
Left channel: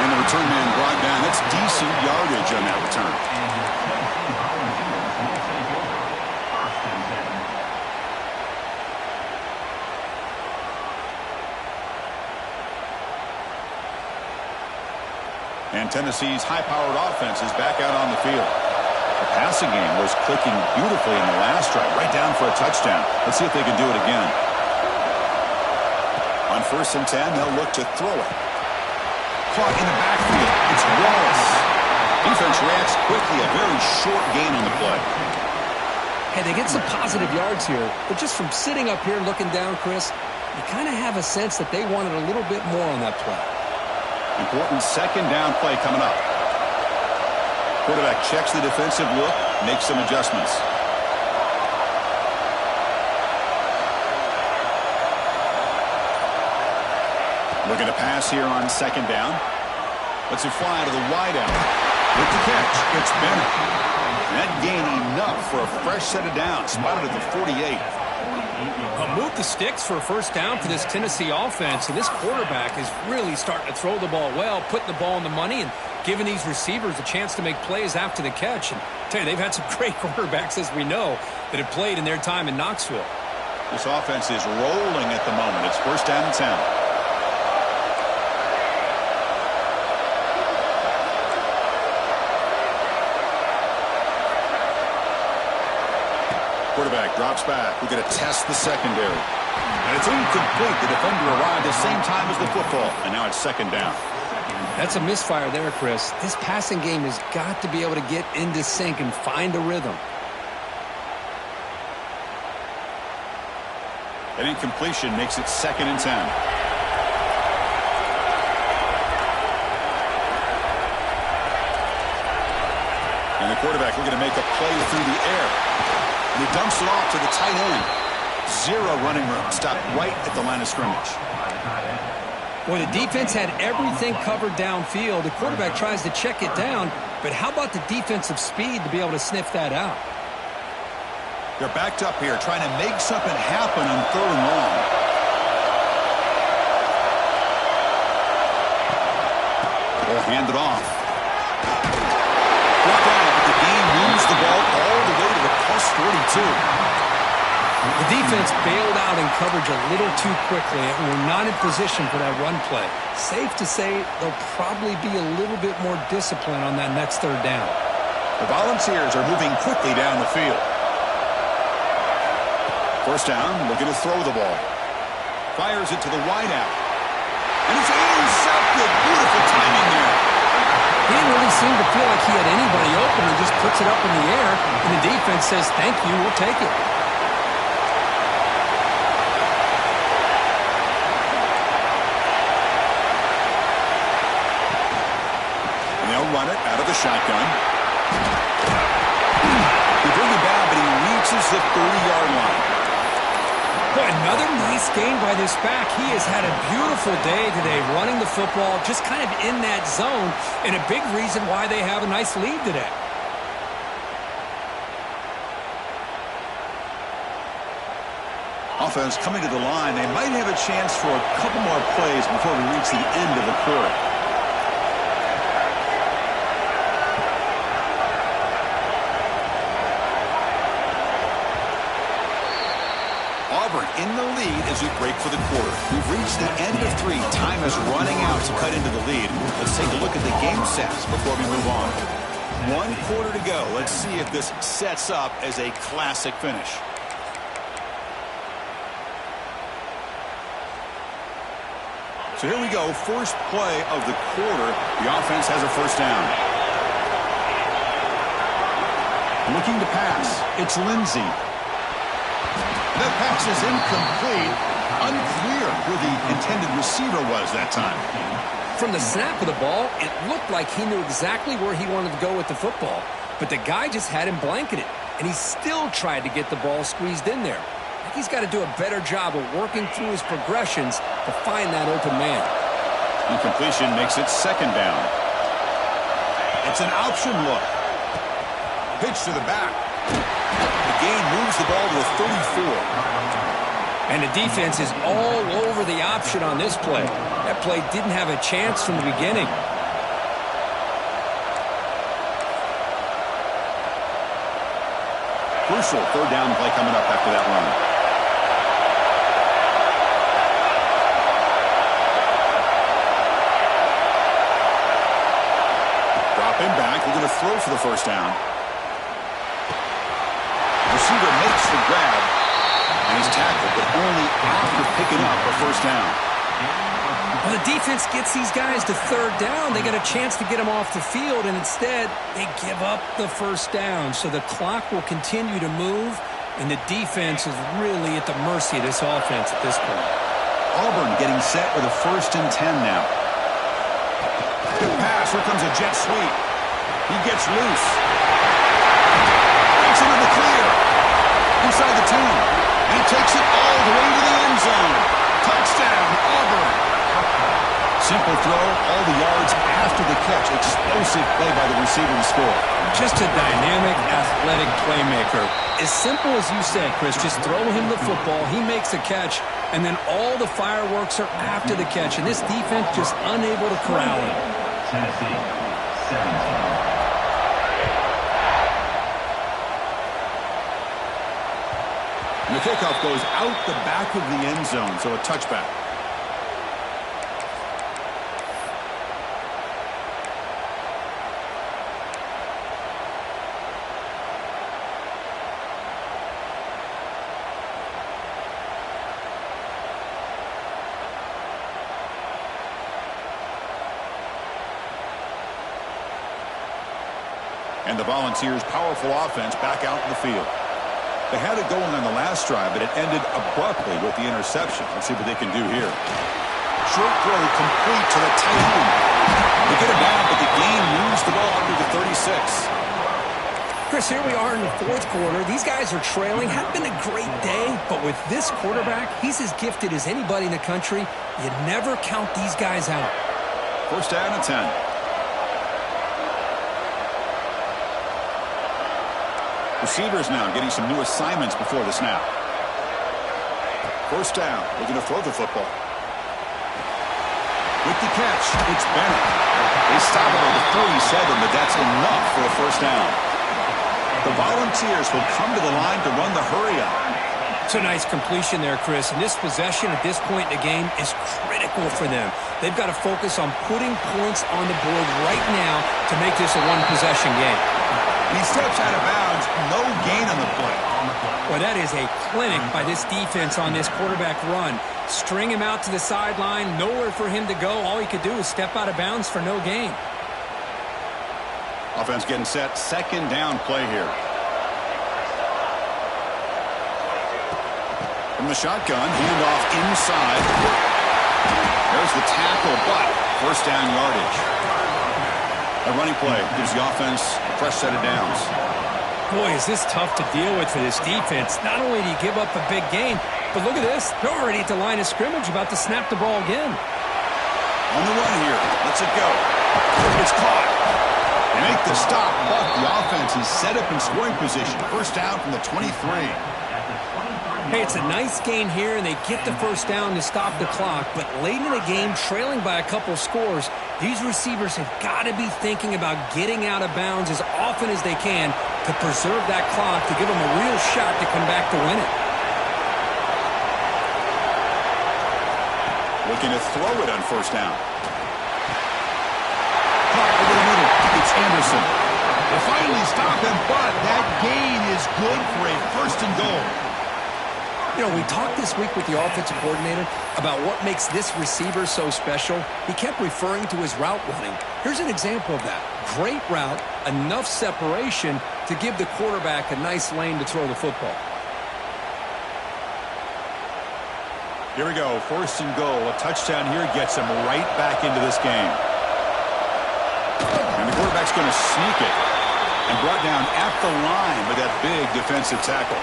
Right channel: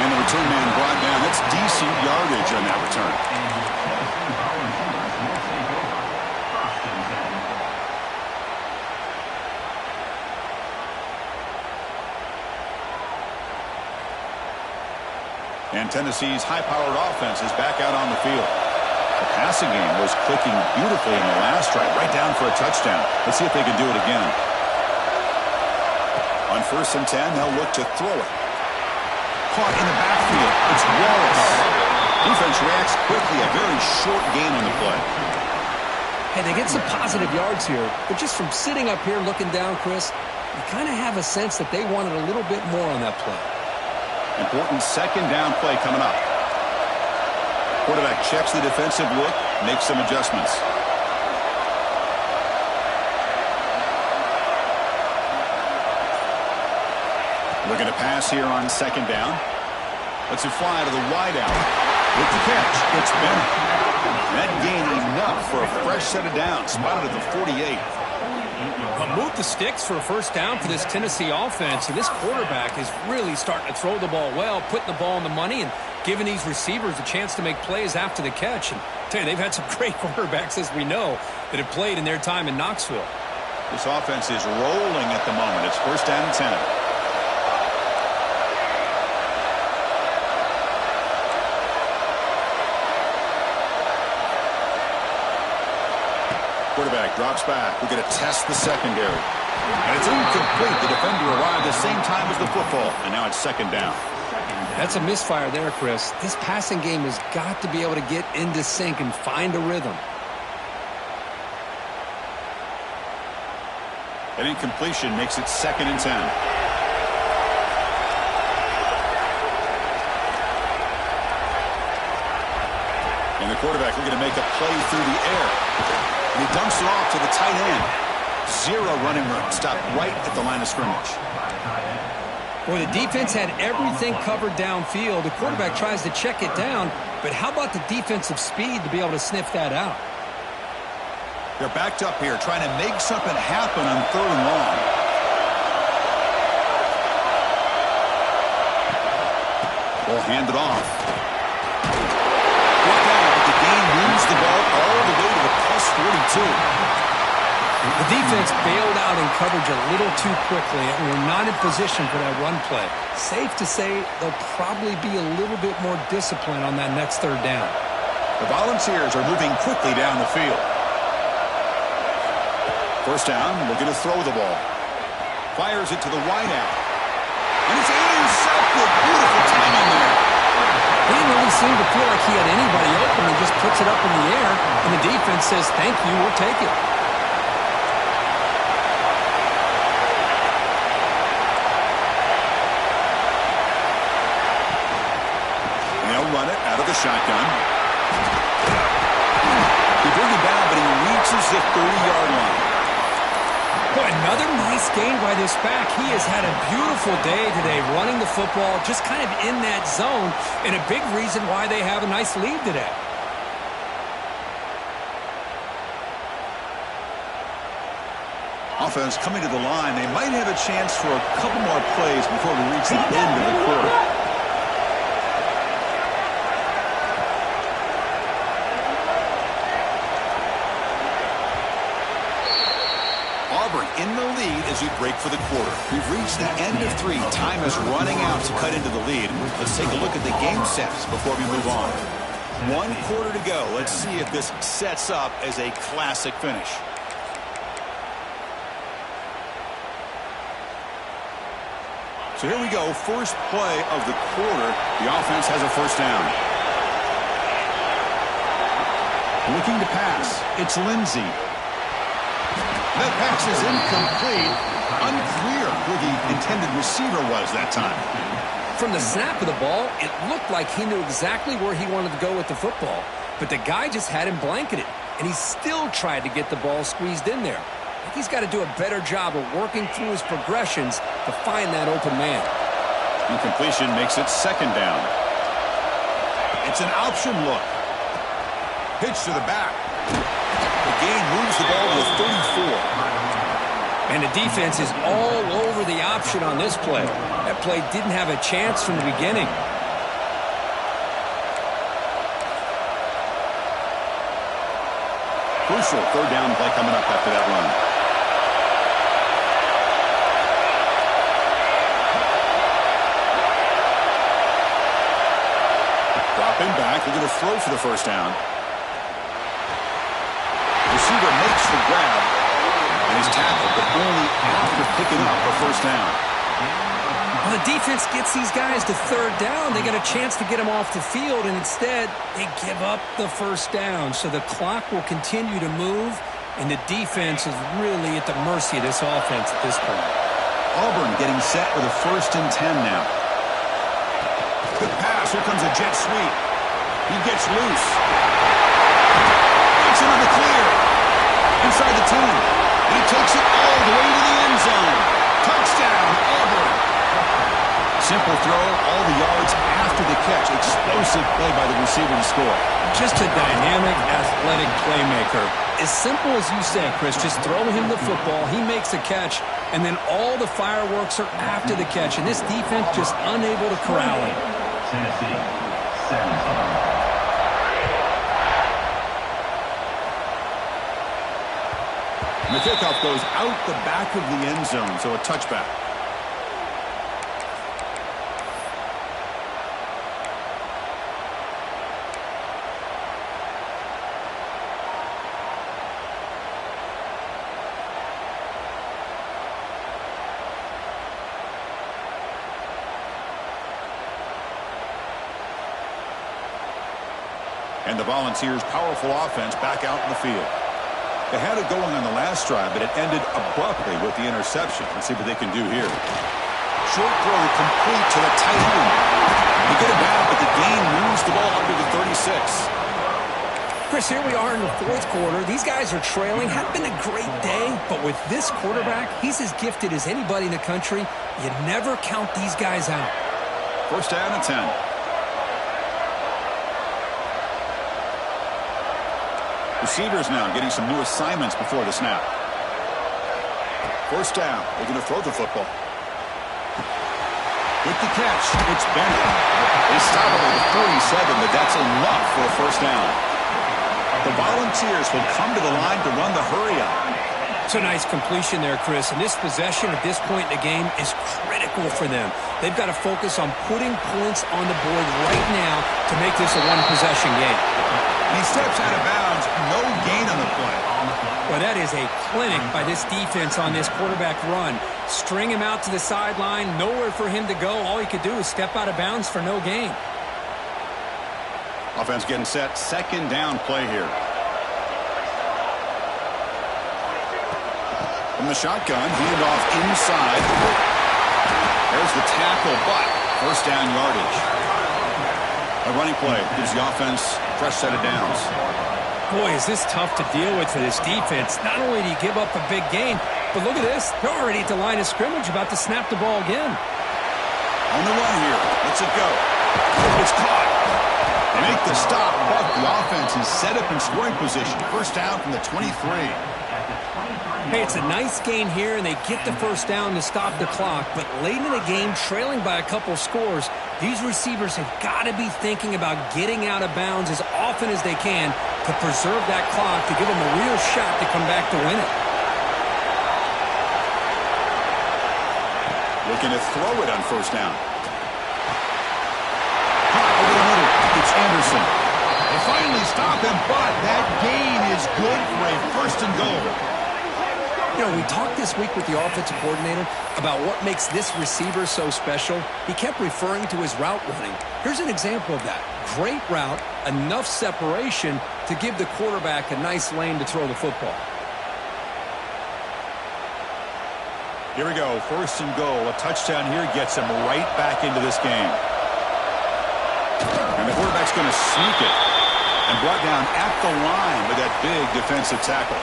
And the return man brought down. That's decent yardage on that return. And Tennessee's high-powered offense is back out on the field. The passing game was clicking beautifully in the last drive, right down for a touchdown. Let's see if they can do it again. On 1st and 10, they'll look to throw it. Caught in the backfield. It's Wallace. Defense reacts quickly. A very short gain on the play. Hey, they get some positive yards here, but just from sitting up here looking down, Chris, you kind of have a sense that they wanted a little bit more on that play. Important second down play coming up. Quarterback checks the defensive look, makes some adjustments. Looking to pass here on second down. Lets it fly to the wide out. With the catch, it's Bennett. That gain enough for a fresh set of downs. Spotted at the 48. Move the sticks for a first down for this Tennessee offense. And this quarterback is really starting to throw the ball well, putting the ball in the money, and giving these receivers a chance to make plays after the catch. And I tell you, they've had some great quarterbacks, as we know, that have played in their time in Knoxville. This offense is rolling at the moment. It's first down and 10. Quarterback drops back. We're going to test the secondary. And it's incomplete. The defender arrived the same time as the football. And now it's second down. That's a misfire there, Chris. This passing game has got to be able to get into sync and find a rhythm. An incompletion makes it second and 10. And the quarterback looking to make a play through the air. And he dumps it off to the tight end. Zero running room. Stopped right at the line of scrimmage. Boy, the defense had everything covered downfield. The quarterback tries to check it down, but how about the defensive speed to be able to sniff that out? They're backed up here, trying to make something happen on 3rd and long. They'll hand it off. Brought down, but the game moves the ball all the way to the plus 42. The defense bailed out in coverage a little too quickly, and we're not in position for that run play. Safe to say they'll probably be a little bit more disciplined on that next 3rd down. The Volunteers are moving quickly down the field. First down, looking to throw the ball. Fires it to the wideout. And it's intercepted. Beautiful timing there. He didn't really seem to feel like he had anybody open and just puts it up in the air. And the defense says, thank you, we'll take it. And they'll run it out of the shotgun. They bring him down, but he reaches the 30-yard line. Boy, another nice gain by this back. He has had a beautiful day today running the football, just kind of in that zone, and a big reason why they have a nice lead today. Offense coming to the line. They might have a chance for a couple more plays before we reach the end of the quarter. Auburn in the lead as we break for the quarter. We've reached the end of 3. Time is running out to cut into the lead. Let's take a look at the game stats before we move on. 1 quarter to go. Let's see if this sets up as a classic finish. So here we go. First play of the quarter. The offense has a first down. Looking to pass. It's Lindsey. That pass is incomplete. Unclear who the intended receiver was that time. From the snap of the ball, it looked like he knew exactly where he wanted to go with the football. But the guy just had him blanketed, and he still tried to get the ball squeezed in there. I think he's got to do a better job of working through his progressions to find that open man. Incompletion makes it second down. It's an option look. Pitch to the back. The gain moves the ball to the 34. And the defense is all over the option on this play. That play didn't have a chance from the beginning. Crucial third down play coming up after that run. Dropping back, looking to throw for the first down. Receiver makes the grab, and he's tackled, but only after picking up a first down. Well, the defense gets these guys to third down. They got a chance to get them off the field, and instead they give up the first down. So the clock will continue to move, and the defense is really at the mercy of this offense at this point. Auburn getting set with a 1st and 10 now. Good pass. Here comes a jet sweep. He gets loose. Breaks into the clear. Inside the 10. And he takes it all the way to the end zone. Touchdown, Auburn. Simple throw, all the yards after the catch. Explosive play by the receiver to score. Just a dynamic, athletic playmaker. As simple as you said, Chris, just throw him the football, he makes a catch, and then all the fireworks are after the catch. And this defense just unable to corral him. Tennessee, 17. And the kickoff goes out the back of the end zone, so a touchback. And the Volunteers' powerful offense back out in the field. They had it going on the last drive, but it ended abruptly with the interception. Let's see what they can do here. Short throw complete to the tight end. They get it down, but the gain moves the ball under the 36. Chris, here we are in the 4th quarter. These guys are trailing. Had been a great day, but with this quarterback, he's as gifted as anybody in the country. You never count these guys out. 1st down and 10. Receivers now getting some new assignments before the snap. 1st down. They're going to throw the football. With the catch, it's Bennett. They stop it at the 37, but that's enough for a 1st down. The Volunteers will come to the line to run the hurry-up. It's a nice completion there, Chris. And this possession at this point in the game is critical for them. They've got to focus on putting points on the board right now to make this a one-possession game. And he steps out of bounds. No gain on the play. Well, that is a clinic by this defense on this quarterback run. String him out to the sideline. Nowhere for him to go. All he could do is step out of bounds for no gain. Offense getting set. Second down play here. From the shotgun, handoff inside. There's the tackle, but first down yardage. A running play gives the offense a fresh set of downs. Boy, is this tough to deal with for this defense. Not only do you give up a big gain, but look at this. They're already at the line of scrimmage, about to snap the ball again. On the run here. Let's it go. It's caught. They make the stop, but the offense is set up in scoring position. First down from the 23. Hey, it's a nice gain here, and they get the first down to stop the clock. But late in the game, trailing by a couple scores, these receivers have got to be thinking about getting out of bounds as often as they can to preserve that clock, to give them a real shot to come back to win it. Looking to throw it on first down. Caught over the middle. It's Anderson. They finally stop him, but that gain is good for a first and goal. You know, we talked this week with the offensive coordinator about what makes this receiver so special. He kept referring to his route running. Here's an example of that. Great route, enough separation to give the quarterback a nice lane to throw the football. Here we go, first and goal. A touchdown here gets him right back into this game. And the quarterback's going to sneak it. And brought down at the line with that big defensive tackle.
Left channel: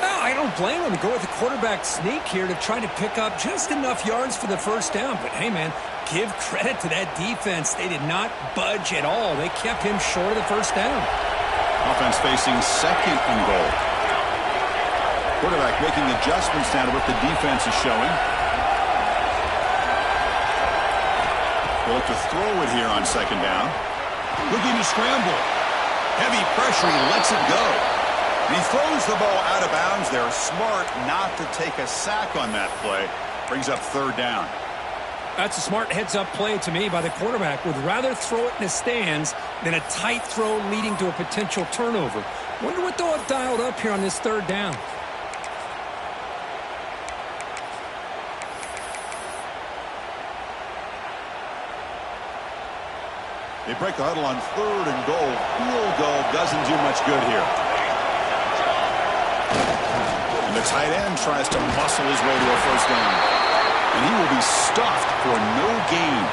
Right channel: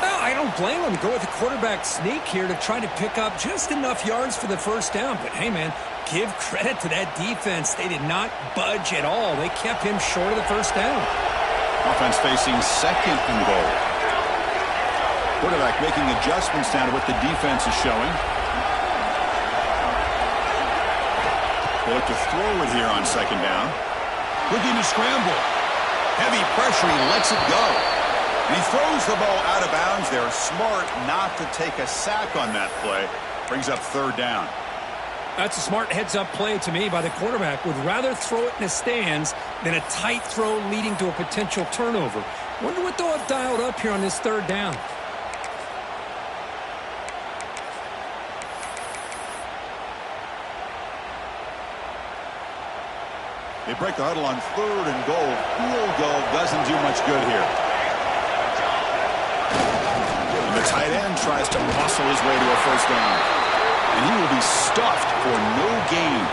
Well, I don't blame him to go with the quarterback sneak here to try to pick up just enough yards for the first down. But, hey, man, give credit to that defense. They did not budge at all. They kept him short of the first down. Offense facing second and goal. Quarterback making adjustments now to what the defense is showing. They look to throw it here on second down. Looking to scramble. Heavy pressure. He lets it go. And he throws the ball out of bounds. They're smart not to take a sack on that play. Brings up third down. That's a smart heads-up play to me by the quarterback. Would rather throw it in the stands than a tight throw leading to a potential turnover. Wonder what they'll have dialed up here on this third down. They break the huddle on third and goal. Field goal doesn't do much good here. And the tight end tries to muscle his way to a first down. And he will be stuffed for no gain.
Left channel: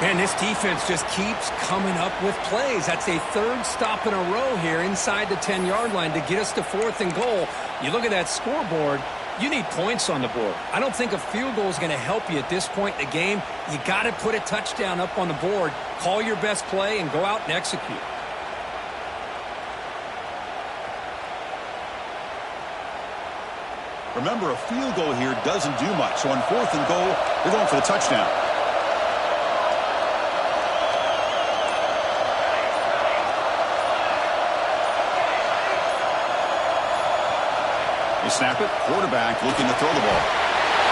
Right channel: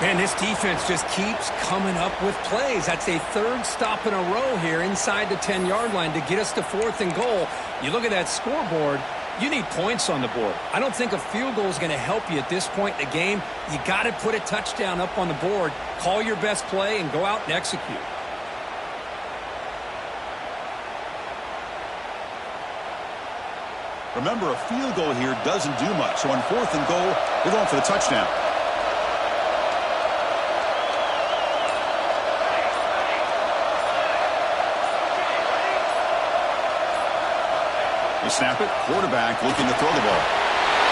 Man, this defense just keeps coming up with plays. That's a third stop in a row here inside the 10-yard line to get us to fourth and goal. You look at that scoreboard, you need points on the board. I don't think a field goal is going to help you at this point in the game. You got to put a touchdown up on the board, call your best play, and go out and execute. Remember, a field goal here doesn't do much. So on fourth and goal, they're going for the touchdown. They snap it. Quarterback looking to throw the ball.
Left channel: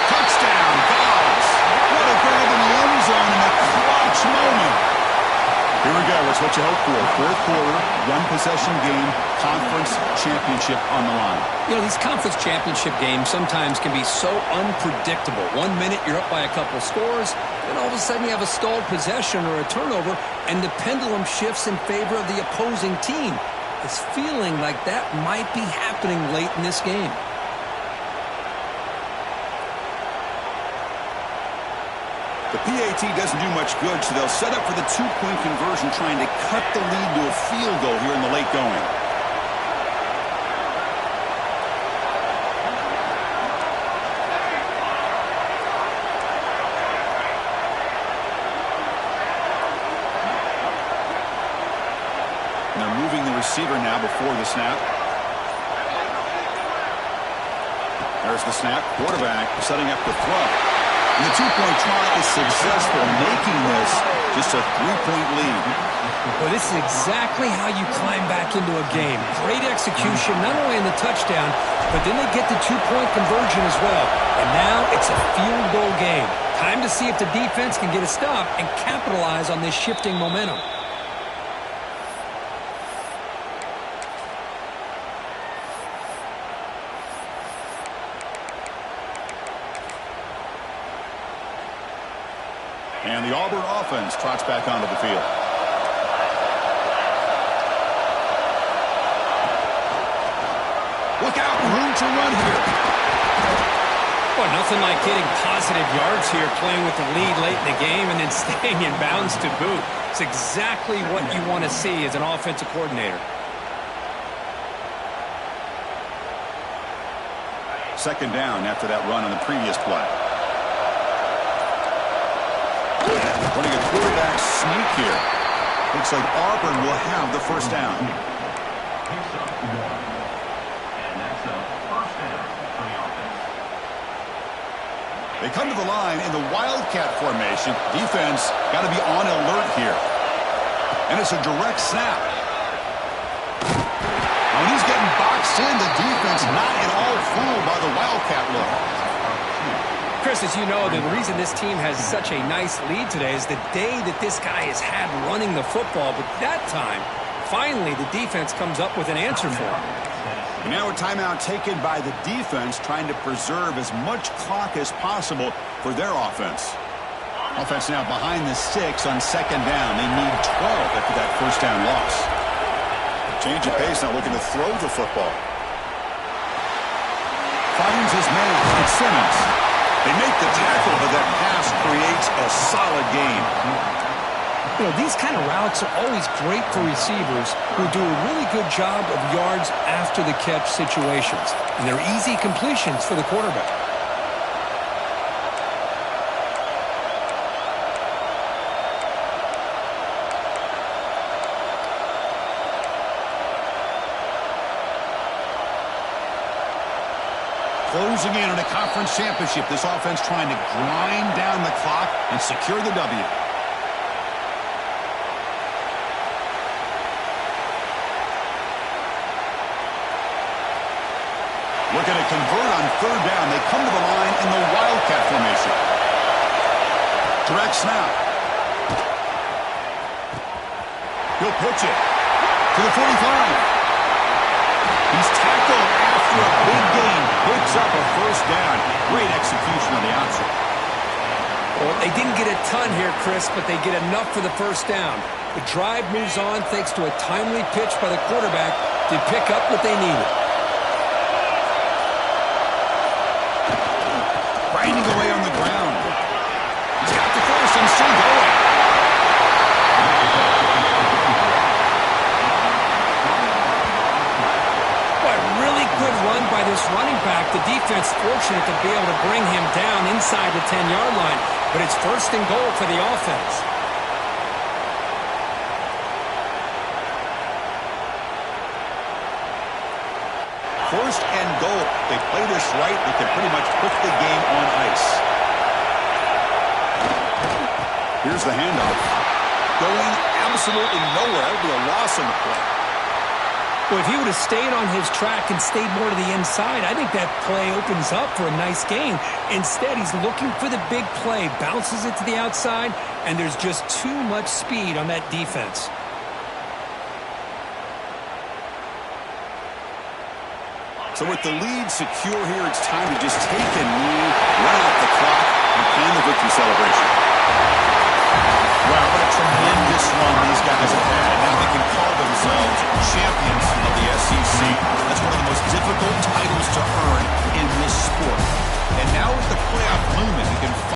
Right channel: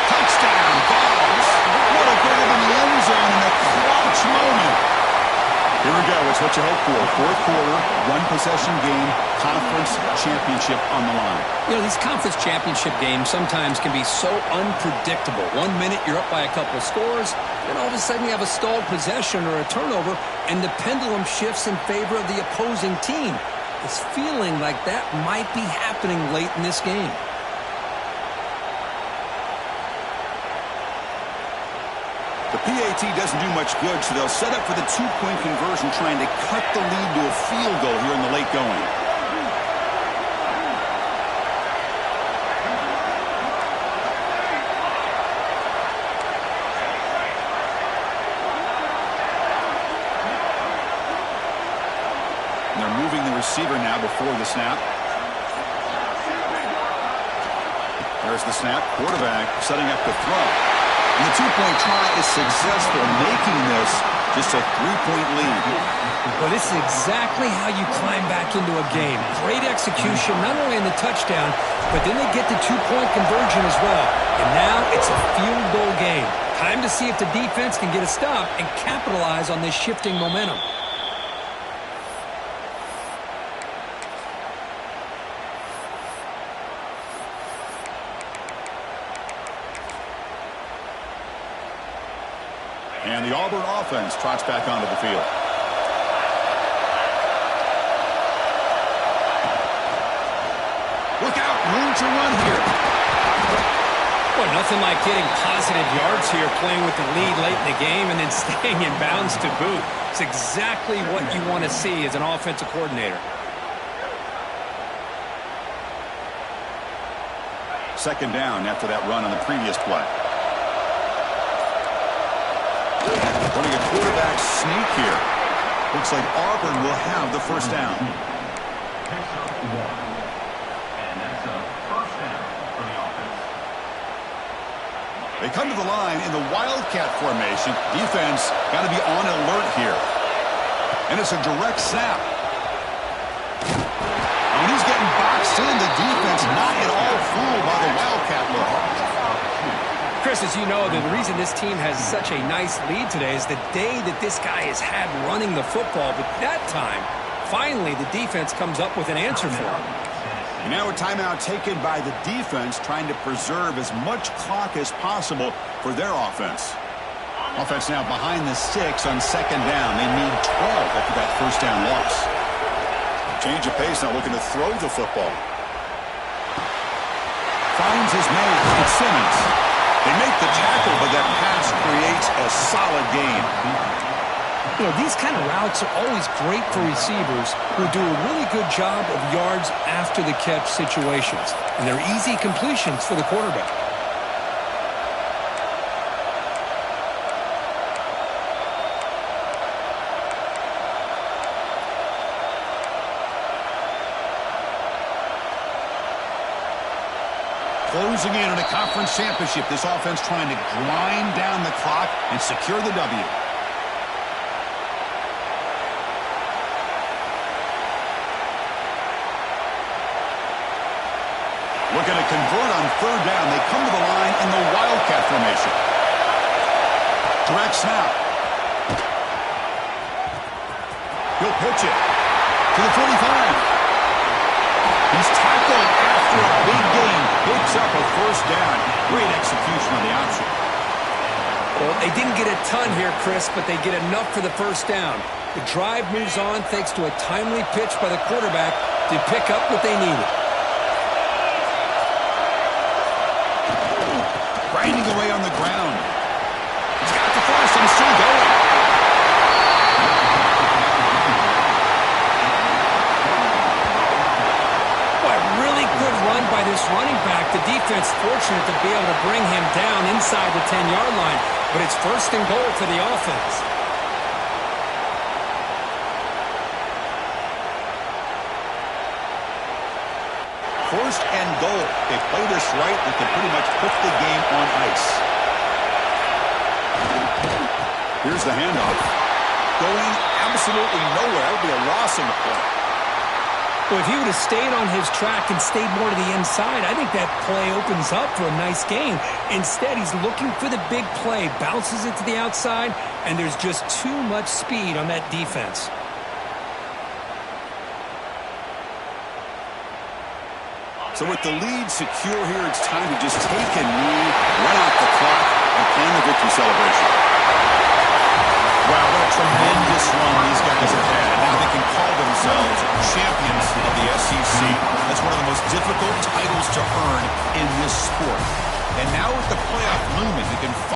Touchdown, Bobs. What a grab in the end zone in a clutch moment. Here we go. It's what you hope for. Fourth quarter, one possession game, conference championship on the line. You know, these conference championship games sometimes can be so unpredictable. 1 minute you're up by a couple scores, then all of a sudden you have a stalled possession or a turnover, and the pendulum shifts in favor of the opposing team. It's feeling like that might be happening late in this game. The PAT doesn't do much good, so they'll set up for the two-point conversion, trying to cut the lead to a field goal here in the late going. And they're moving the receiver now before the snap. There's the snap. Quarterback setting up the throw. And the two-point try is successful, making this just a three-point lead. Well, this is exactly how you climb back into a game. Great execution, not only in the touchdown, but then they get the two-point conversion as well. And now it's a field goal game. Time to see if the defense can get a stop and capitalize on this shifting momentum. And the Auburn offense trots back onto the field. Look out, room to run here. Boy, nothing like getting positive yards here, playing with the lead late in the game and then staying in bounds to boot. It's exactly what you want to see as an offensive coordinator. Second down after that run on the previous play. Running a quarterback sneak here. Looks like Auburn will have the first down. Picks up 1. And that's a first down for the offense. They come to the line in the Wildcat formation. Defense got to be on alert here. And it's a direct snap. Now when he's getting boxed in, the defense not at all fooled by the Wildcat look. Chris, as you know, the reason this team has such a nice lead today is the day that this guy has had running the football. But that time, finally, the defense comes up with an answer for him. And now a timeout taken by the defense, trying to preserve as much clock as possible for their offense. Offense now behind the 6 on second down. They need 12 after that first down loss. Change of pace, now looking to throw the football. Finds his man. It's Simmons. They make the tackle, but that pass creates a solid gain. You know, these kind of routes are always great for receivers who do a really good job of yards after the catch situations. And they're easy completions for the quarterback. Closing in on a conference championship, this offense trying to grind down the clock and secure the W. Looking to convert on third down. They come to the line in the Wildcat formation. Direct snap. He'll pitch it to the 45. He's tackled after a big gain. Picks up a first down. Great execution on the option. Well, they didn't get a ton here, Chris, but they get enough for the first down. The drive moves on thanks to a timely pitch by the quarterback to pick up what they needed. Grinding away on the ground. He's got the first and still going. Really good run by this running back. The defense fortunate to be able to bring him down inside the 10-yard line, but it's first and goal for the offense. First and goal. They play this right, they can pretty much put the game on ice. Here's the handoff. Going absolutely nowhere. That would be a loss on the play. Well, if he would have stayed on his track and stayed more to the inside, I think that play opens up for a nice gain. Instead, he's looking for the big play, bounces it to the outside, and there's just too much speed on that defense. So with the lead secure here, it's time to just take a knee, run out the clock, and plan the victory celebration. Wow, what a tremendous run these guys have had. And now they can call themselves champions of the SEC. That's one of the most difficult titles to earn in this sport. And now with the playoff looming, they can